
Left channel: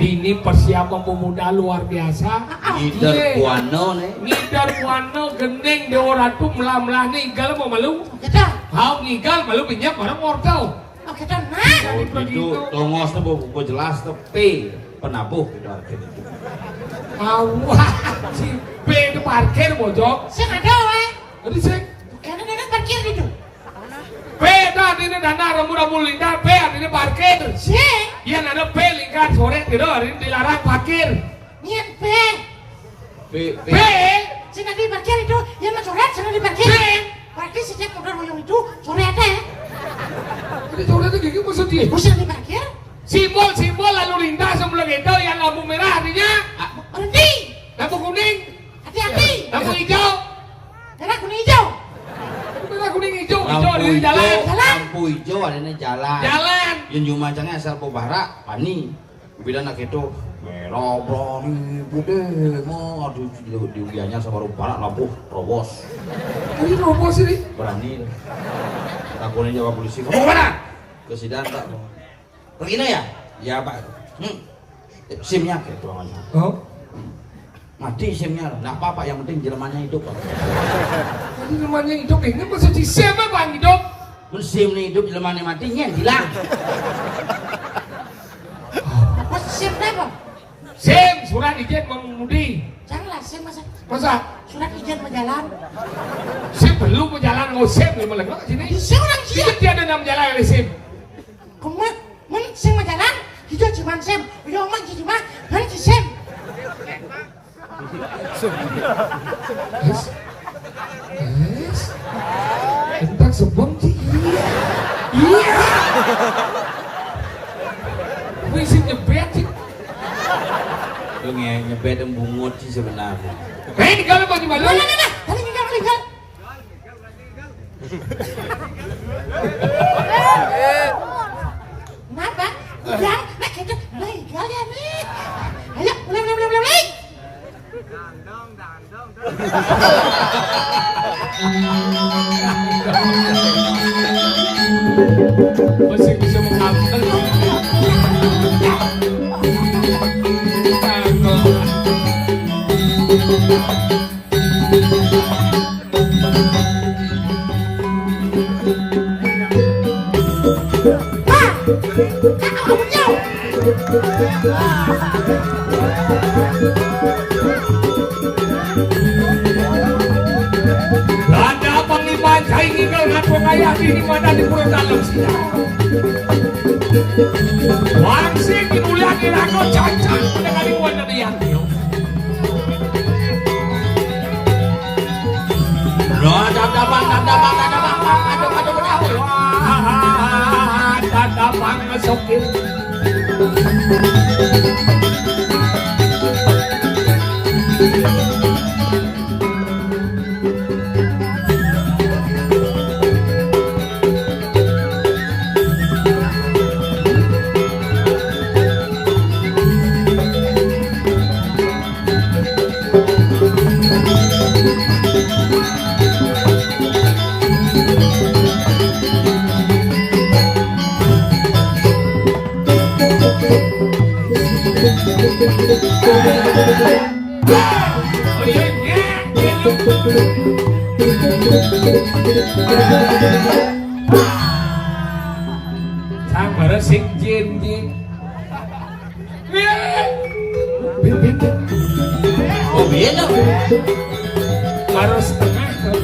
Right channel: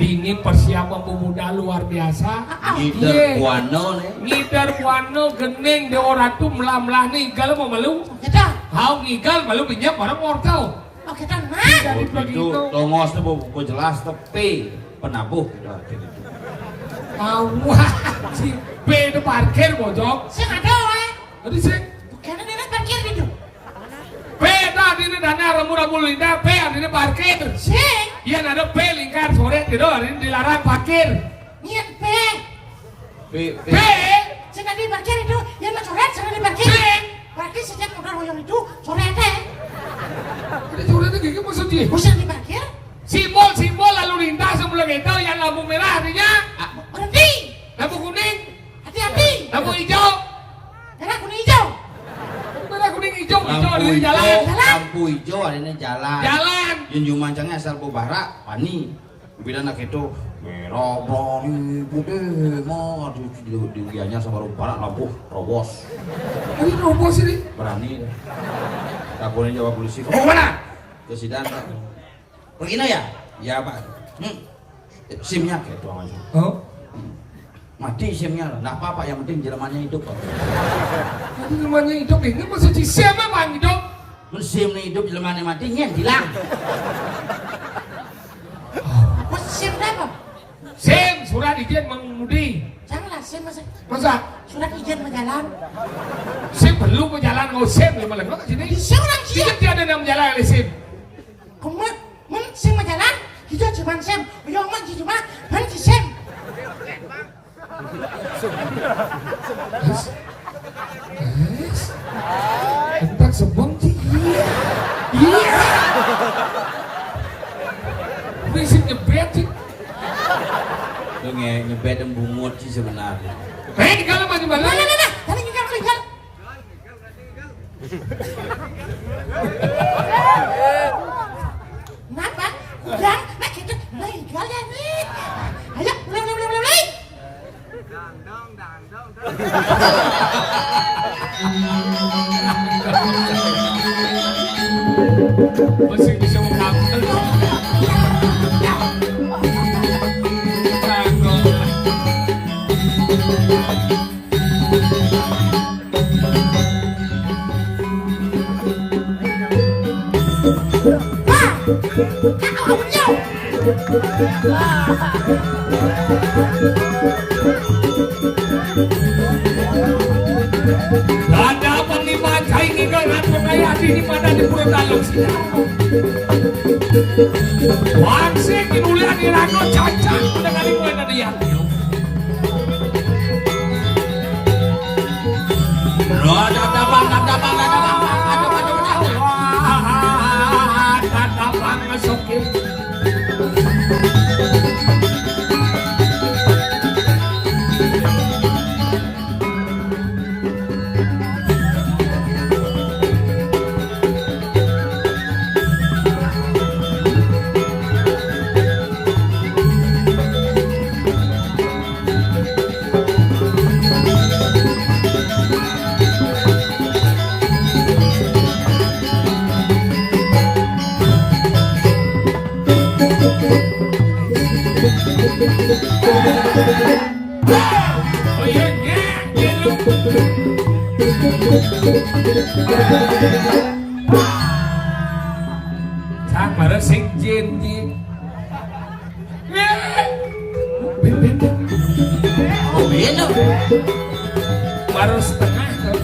Ini persiapan pemuda luar biasa. Gider kuano nih. Ngidar kuano gening di orang tuh melah-melah ninggal mau malu. Kita. Hau ninggal malu pinjam orang ortau. Oh kita mah. Itu tongos tuh buku jelas tapi penabuh gitu akhirnya itu. Awah, si P itu parkir bojok. Saya nggak tahu Tadi sih. karena dia kan parkir gitu. P tadi ini dana rambu-rambu lintas P artinya parkir. Saya Iya ada P lingkar sore itu hari ini dilarang parkir. niat P. P. Saya tadi parkir itu, yang mau sore saya di parkir. Parkir sejak motor royong itu sore ada. Jadi sore itu gini maksudnya. Bosan di parkir? Simbol lalu lintas sebelum itu yang lampu merah artinya Berhenti. lampu kuning, Hati-hati. lampu hijau. Merah kuning hijau. Merah kuning hijau di jalan. Lampu hijau adanya jalan. Jalan. Yang jumancangnya asal pebara pani. Bila nak itu merah berani putih mau di uliannya sama barat lampu robos Ini robos ini. berani. Takunin jawab polisi. Kamu mana? Ke sidang pak. Begini ya? Ya pak. SIM-nya gitu aja. Oh. Mati SIM-nya, nggak apa-apa. Yang penting jelmannya hidup. Pak. Tadi namanya hidup ini maksud di siapa bang hidup? SIM nih hidup jelmannya mati nyen hilang. Apa SIM apa? SIM surat izin mengemudi. Janganlah SIM Masa surat izin berjalan. SIM belum berjalan nggak SIM nih malah nggak sini. Di SIM orang Ini siap. tiada nama jalan oleh SIM. Kemudian SIM berjalan, hijau cuma SIM. Yang mah di rumah, mana di SIM? Yes. Entah sebong sih. Iya. Bisa nyebet sih. Itu nyebet dan bungut sih sebenarnya. Ini kalau mau gimana? Nah, tadi tinggal tinggal. Kenapa? Udah, nah kita tinggal ya nih. Ayo, mulai. Masih bisa mengambil. Ada panglima cai nggal ngaku kaya di mana di pulau dalam sini. Wangsing dimulia di rago cacat pada kali mana dia. Tatapan ngesokin. Sang bara sing jin. Oh gitu. Baru setengah tuh.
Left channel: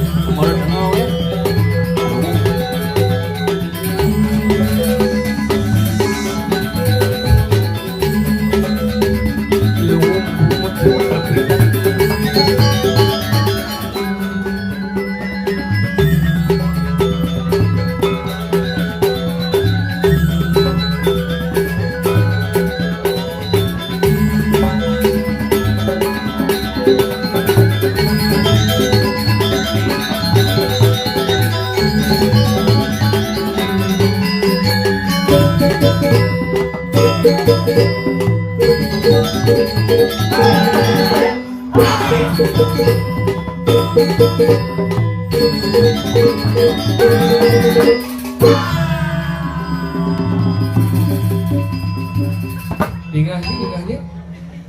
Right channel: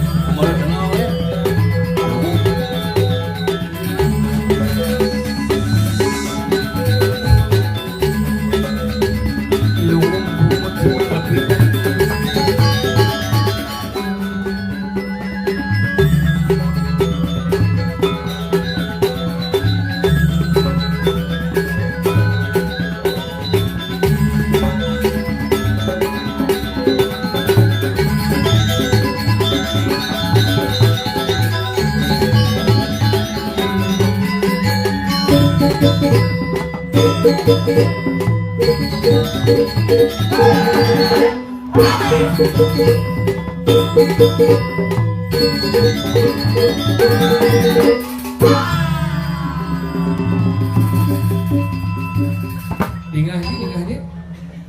Tinggalnya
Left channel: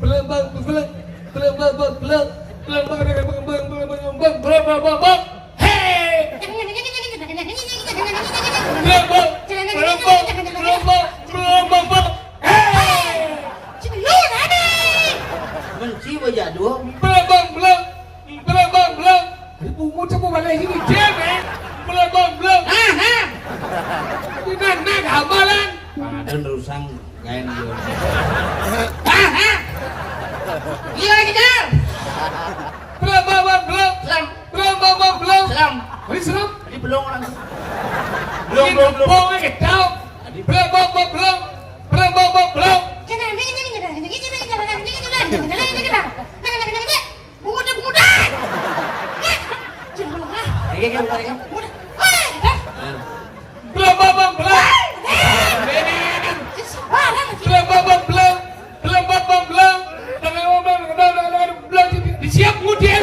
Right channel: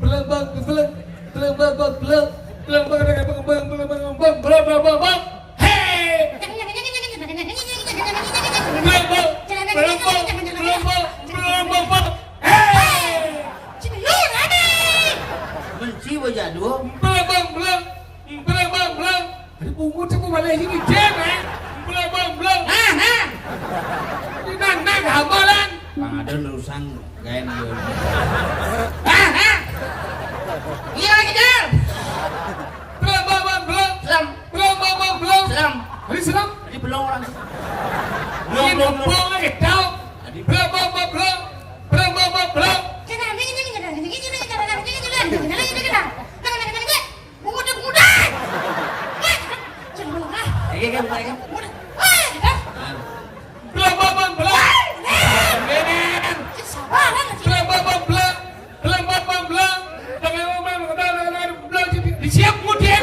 belum sini cewek. Belum. Nah. Ini nang amalan. Ada urusan gaen dia. Iya lagi dah. Belum. Selam. Ini serem. Jadi belum orang. Belum. Tahu. Belum. Iya kan bukan kan? Siap kemudian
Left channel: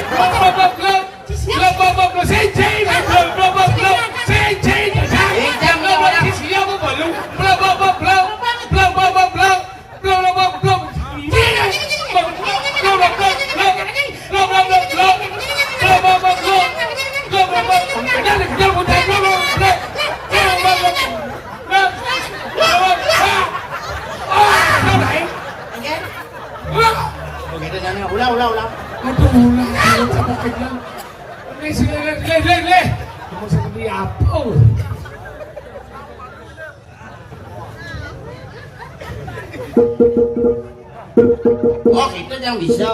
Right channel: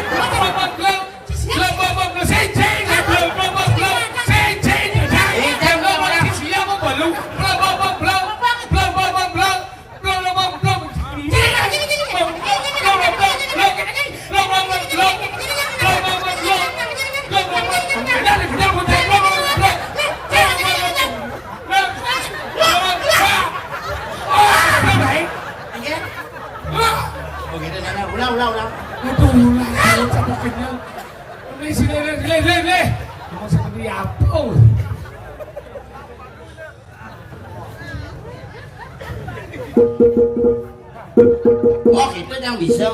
Oh gitu jangan ulang. Aduh, ulang sama kenyal. Ini sini. Cuma seperti apa? Oh gitu yang bisa.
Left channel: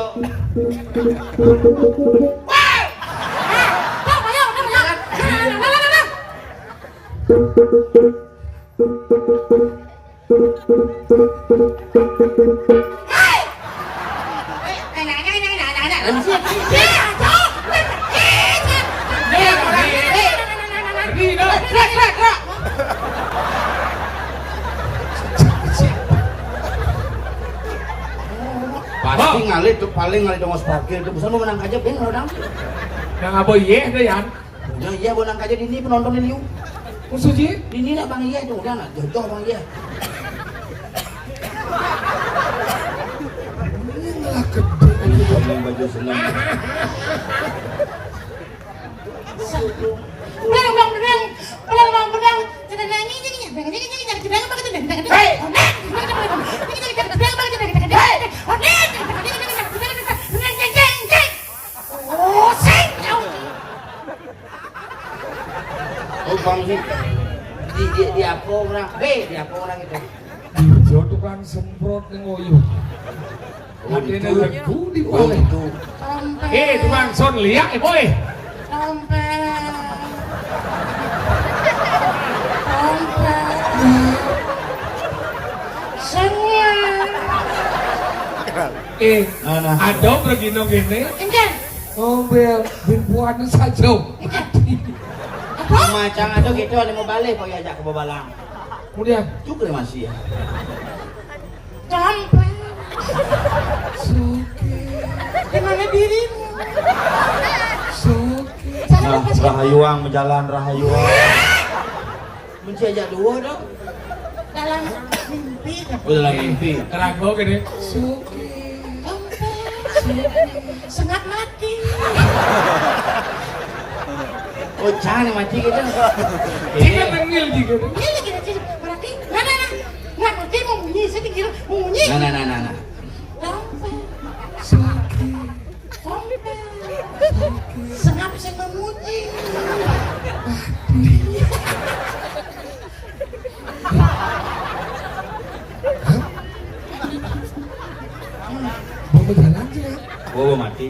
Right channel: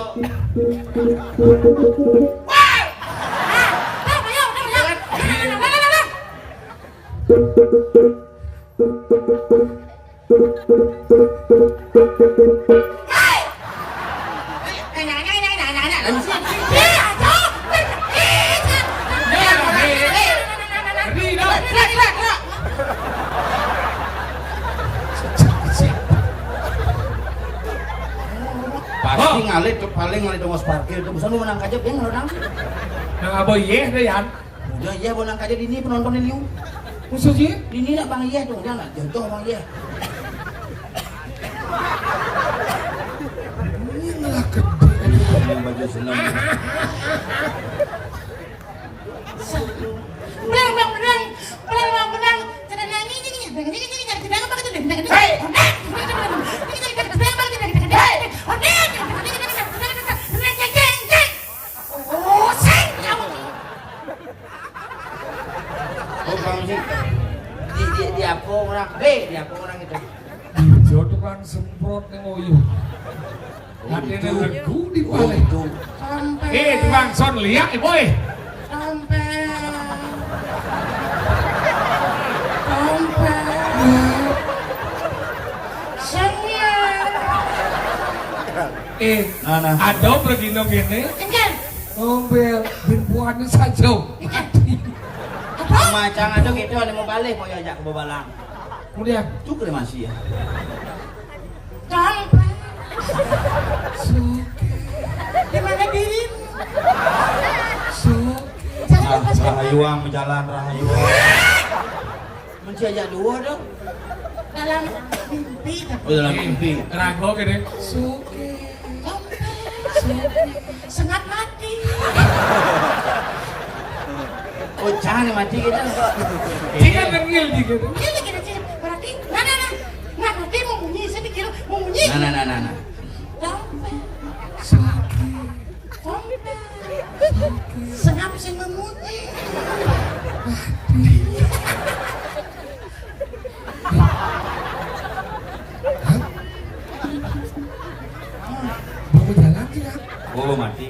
Pasti ngalir tuh paling ngalir dong parkir tuh bisa mau menang aja ben orang. Nah, apa iya deh Yan? Udah iya menang aja di ini penonton ini. Maksudnya? Ini nak bang iya tuh udah nak jodoh bang iya. Inilah gede. Baju senam. Oh bang sih di apa orang? Di apa orang itu? Dijo tukang semprot yang ngoyo. Ada legu di Oh balik. itu. Tukang son liak boy. Ana. Ada pergi no gini. Bel, bimbuan ini saja. Macam ada gitu ada mau balik mau ajak ke Babalang. Kemudian, Juga masih ya. suki, Dimana dirimu? suki. Nah, rahayuang jalan rahayuang. Mesti ajak dua dong. Dalam mimpi. Oh dalam mimpi. Teranggo gini. Suki. Sengat mati. Oh jangan mati gitu. Tiga tengil juga. Ini lagi nanti berarti. Nah, nanti mau bunyi sedikit mau bunyi. Nah. Suki. Senap saya memuji. Mau jalan ke ya? Oh mati.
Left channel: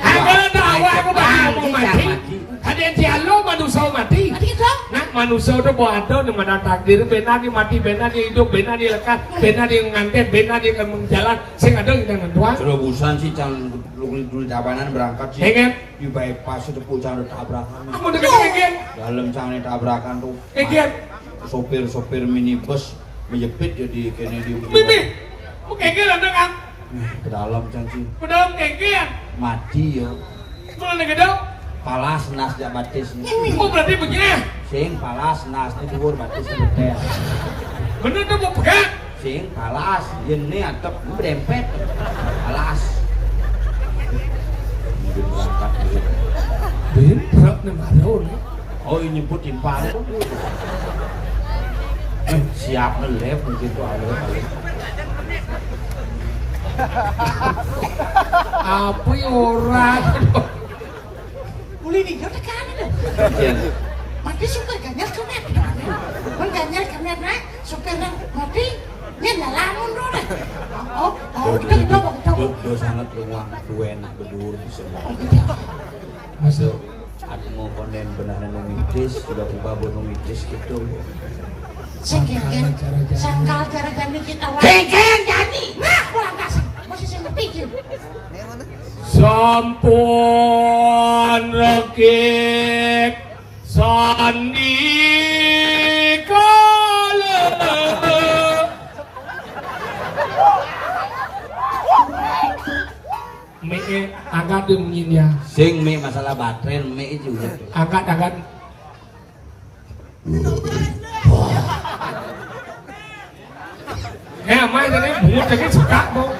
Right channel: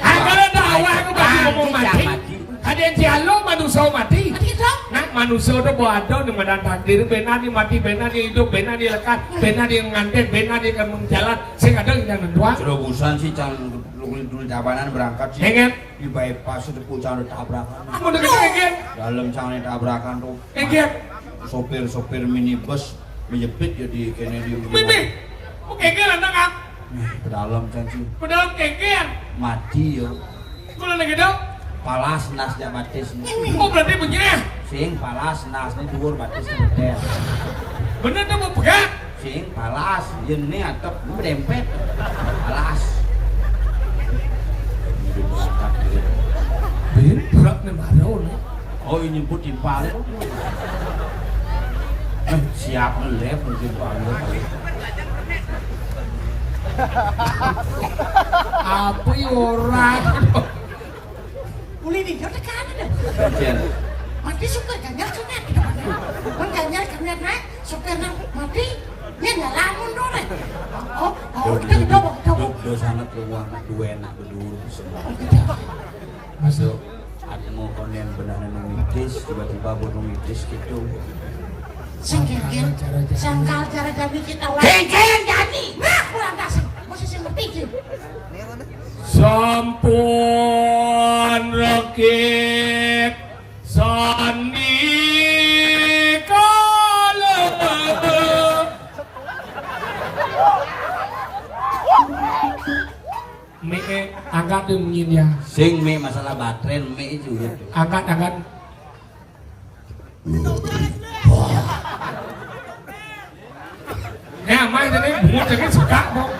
Kalau tahu aku mau mati. Ada yang dialog manusia mati. Nah manusia itu ada di mana takdir. Benar di mati, benar di hidup, benar di lekat, benar di ngantet, benar di menjalan. Saya ada yang mentua. Terobosan sih calon dulu tabanan berangkat sih. Enggak. Di bypass itu pucang tabrakan. Kamu dengar enggak? Dalam canggih tabrakan tuh. Enggak. Sopir minibus menjepit jadi Kennedy. Bibi, enggak anak kan? Ke dalam canggih. Padahal enggak. Mati yo. Mana lagi dong? Palas nas jak batis. Oh berarti begini. Sing palas nas ni kubur batis betul. Bener tuh mau pegang. Sing palas ini atap berempet. Palas. Hidup berangkat gitu. Bin berat nih baru nih. Oh ini nyebut timpal itu. Siap ngelep begitu alih. Apa orang? Mulai nih, kau tekan itu. Iya. Mati suka ganjar sunat. Kan ganjar sunat naik, suka nang mati. Ini lamun dong. Do sangat ruang dua enak berdua semua. Masuk aku mau konen benar nungidis tiba-tiba nungidis gitu. Sengkeng, sangkal cara kami kita wae. Sengkeng jadi. Nah, kurang kasih. Masih sempet Sampun rekit sandi kala me angkat dengin ya Sing me masalah baterai me itu gitu. angkat mah jadi buat jadi sekak dong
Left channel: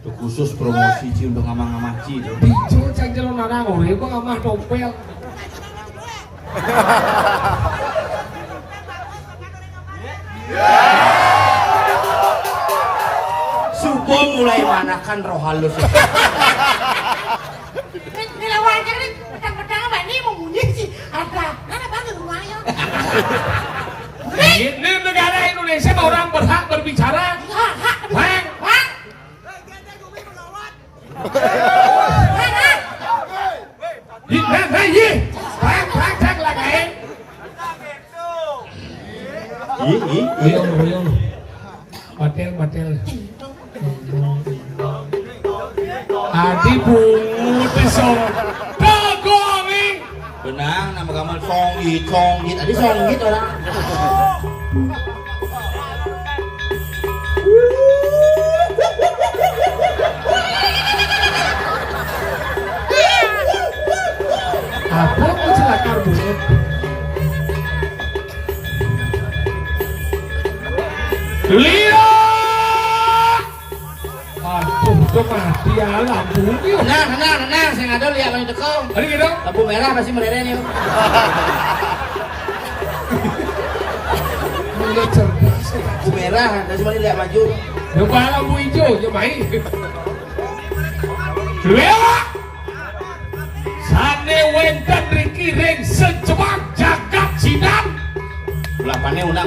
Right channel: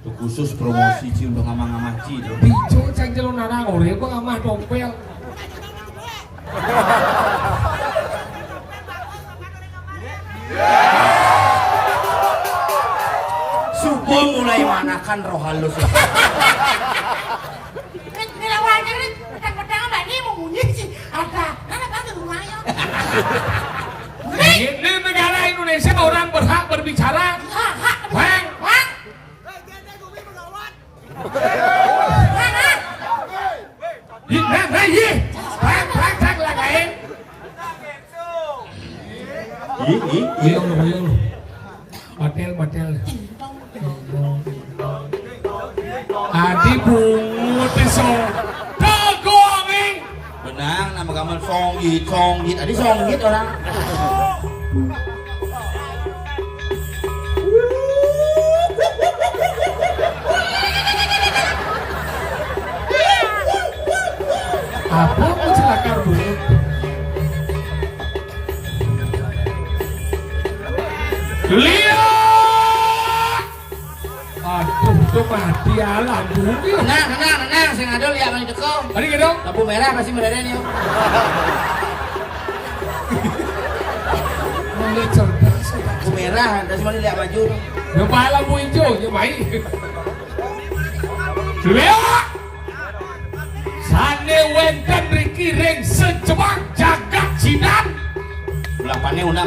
Itu khusus promosi ci untuk ngamang-ngamang ci itu. bicu cek jelo narang ore kok ngamah topel Subuh mulai manakan roh halus ya. Nilawanya nih, petang-petang apa ini mau bunyi sih? Ada, mana bantu rumahnya? ini negara Indonesia orang berhak berbicara Bang Batel. Adi bungu pisau. Kagoming. Benang nama gaman songgit. Adi songgit orang. Apa kecelakaan dulu? Lihat! Aduh, itu mati alam bumi. Tenang, saya ngadu lihat kan itu kau. Tadi gitu? Lampu merah pasti beredanya. Mulai cerdas. Lampu merah, terus mari lihat maju. Lepas lampu hijau, je main. Lihat! Sane wenten Riki Reng sejebak jagat sidan.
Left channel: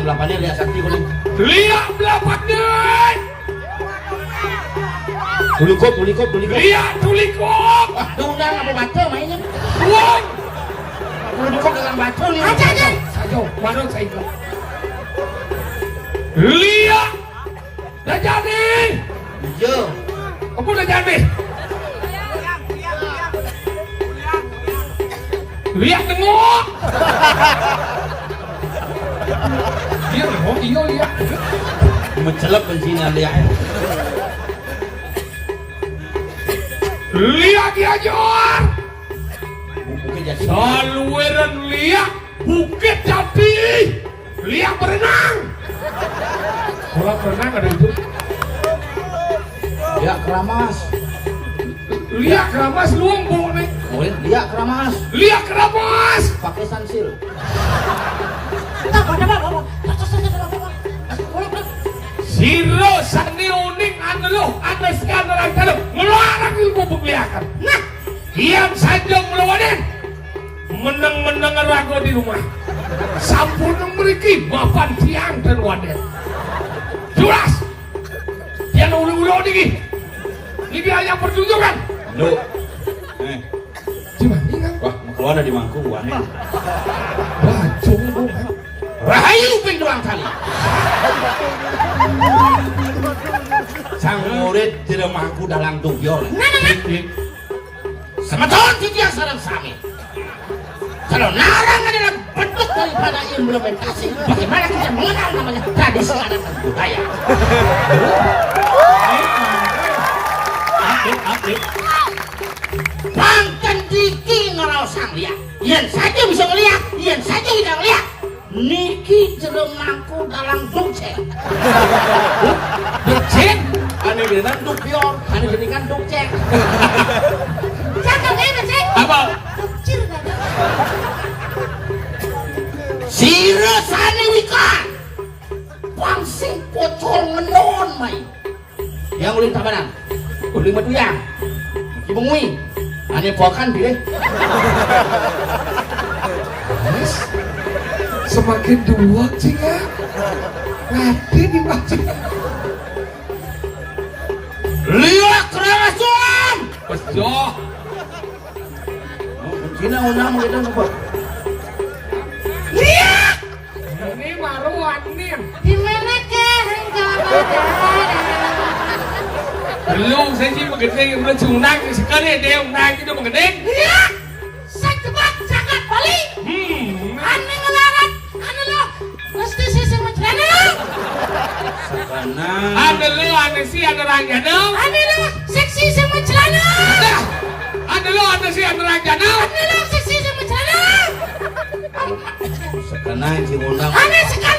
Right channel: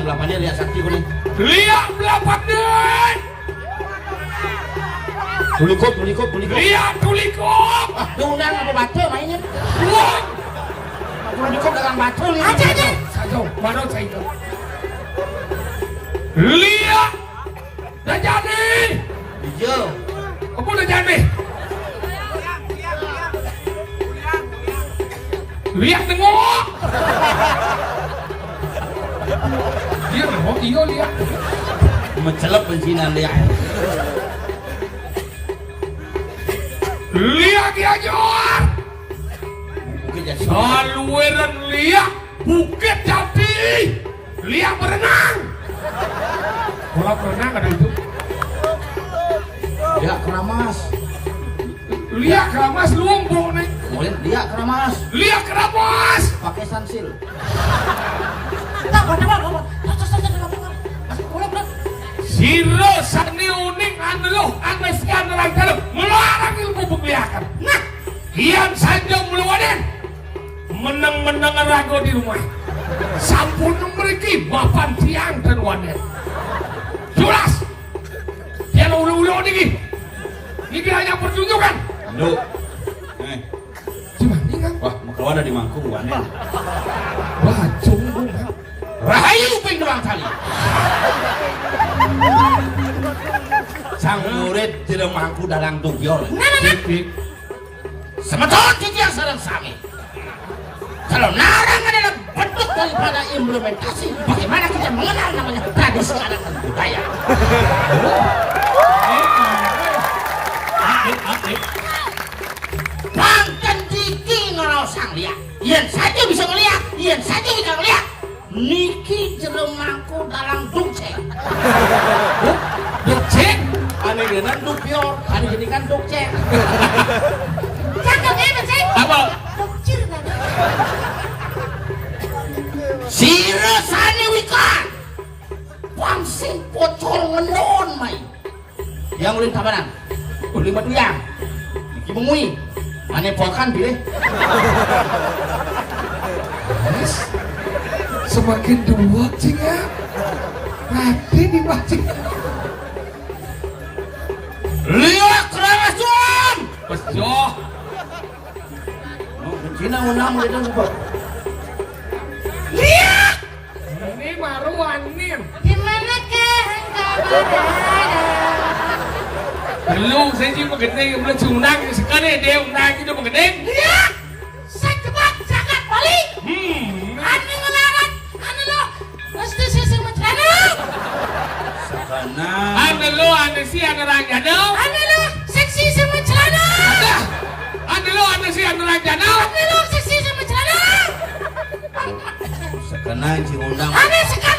Belapannya lihat sakti kuning. Lihat belapannya. Tulikop. Lihat tulikop. Itu undang apa batu mainnya. Buang. Tulikop dengan batu. Aja. Satu, mana saya itu? Lihat. Dah jadi. Iya. Apa dah jadi? Lihat tengok. Dia tengok tinggal lihat. Mencelup bensinan lihat. Lihat dia Jor. Mungkin jadi. Saluran lihat bukit tapi lihat berenang. Kalau berenang ada itu. Lihat keramas. Lihat keramas lumbung nih. Lihat keramas. Lihat keramas. Pakai sansil. Siro sani uning anu anda sekarang lagi dalam melarang ilmu pembiakan. Nah, diam saja melawanin. Menang rago di rumah. Sampun memiliki bapan tiang dan wadah. Jelas. Dia ulu-ulu ini. Ini hanya pertunjukan. Lu. Cuma ini kan. Wah, mau keluar dari mangku wadah. Bacung bukan. Rahayu ping doang kali. Sang murid tidak mampu dalam tujuan. Semeton tujuan sarang sami. Kalau narang adalah bentuk daripada implementasi, bagaimana kita mengenal namanya tradisi adat dan budaya? Bangkan diki ngarau sang lihat. Yang saja bisa melihat, yang saja bisa melihat. Niki jerem mangku dalam dongceng. Dongceng? Ane dengan dupior, ane dengan dongceng. Cakap ya, Becek. Apa? Kecil kan? Sira sani wikan. Pangsing pocol ngenon mai. Yang ulin tabanan. Ulin batu yang. Ibu ngui. Ane pokan dia. Semakin dua cing ya. Nanti di macam. Lihat keras tuan. Betul. Cina unang gitu apa? Lihat. Ini maruan nih. Di mana engkau berada? Lu saya sih mengenai mencunang sekarang dia unang itu mengenai. Lihat. Sakebak sangat balik. Ane melarat. Ane lo. Mesti sisi mencelana. Sakana. Ada si ada raja dong. Ane lo. Seksi sama celana. Ada si ada raja dong. Ane lo. Seksi sama celana. Sakana si unang. Ane sekat.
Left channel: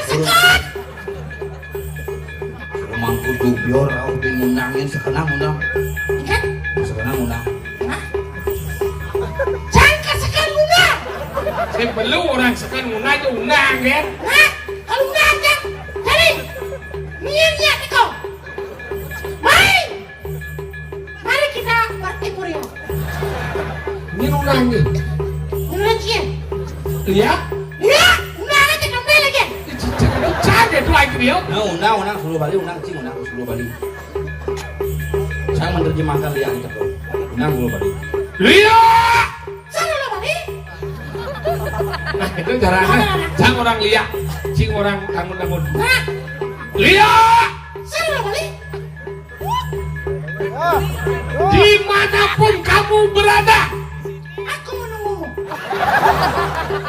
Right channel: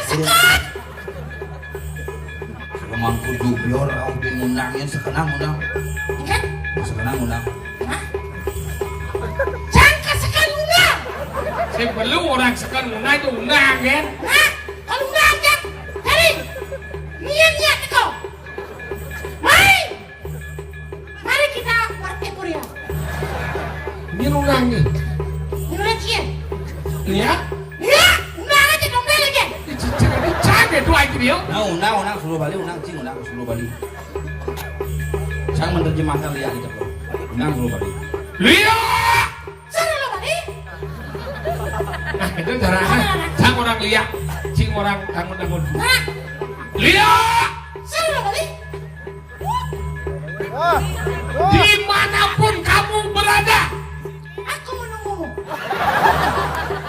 Mangku dublor au di munangin sakana unang. Ikan. Sakana unang. Jangka sekali unang. Saya perlu orang sekarang unang itu unang kan. Nah, kalau unang kan. Hari. Niatnya kau. Mari kita partai Korea. Ini unang nih. Menurut dia. Lihat. Ya, unang aja dombe lagi. Caga tuh aja dia. Nah, unang suruh balik unang cing unang suruh balik. Jangan menerjemahkan lihat itu kok. Unang suruh balik. Lihat. Sana lo balik. Nah itu caranya. Cang orang lihat. Cing orang kamu dangun. Nah, Lihat. sana lo balik. Dimanapun kamu berada. Aku menunggumu.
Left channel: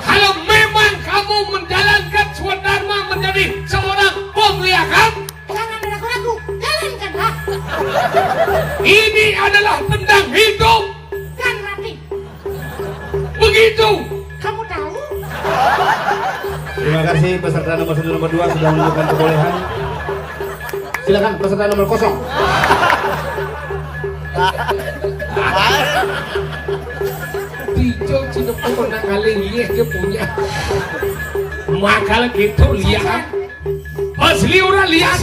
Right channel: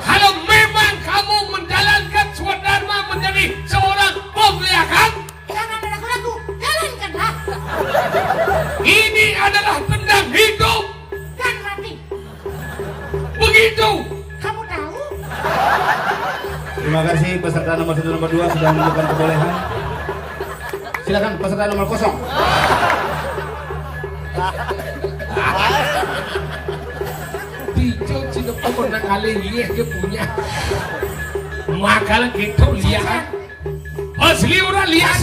Kalau memang kamu menjalankan swadharma menjadi seorang pemiakan, Jangan ada ragu-ragu. Jalankanlah. ini adalah tentang hidup. Dan mati. Begitu. Kamu tahu? Terima kasih peserta nomor 1 nomor 2 sudah menunjukkan kebolehan. Silakan peserta nomor 0. Dijo cina pernah kali lihat dia punya. Maka gitu lihat. Asli orang lihat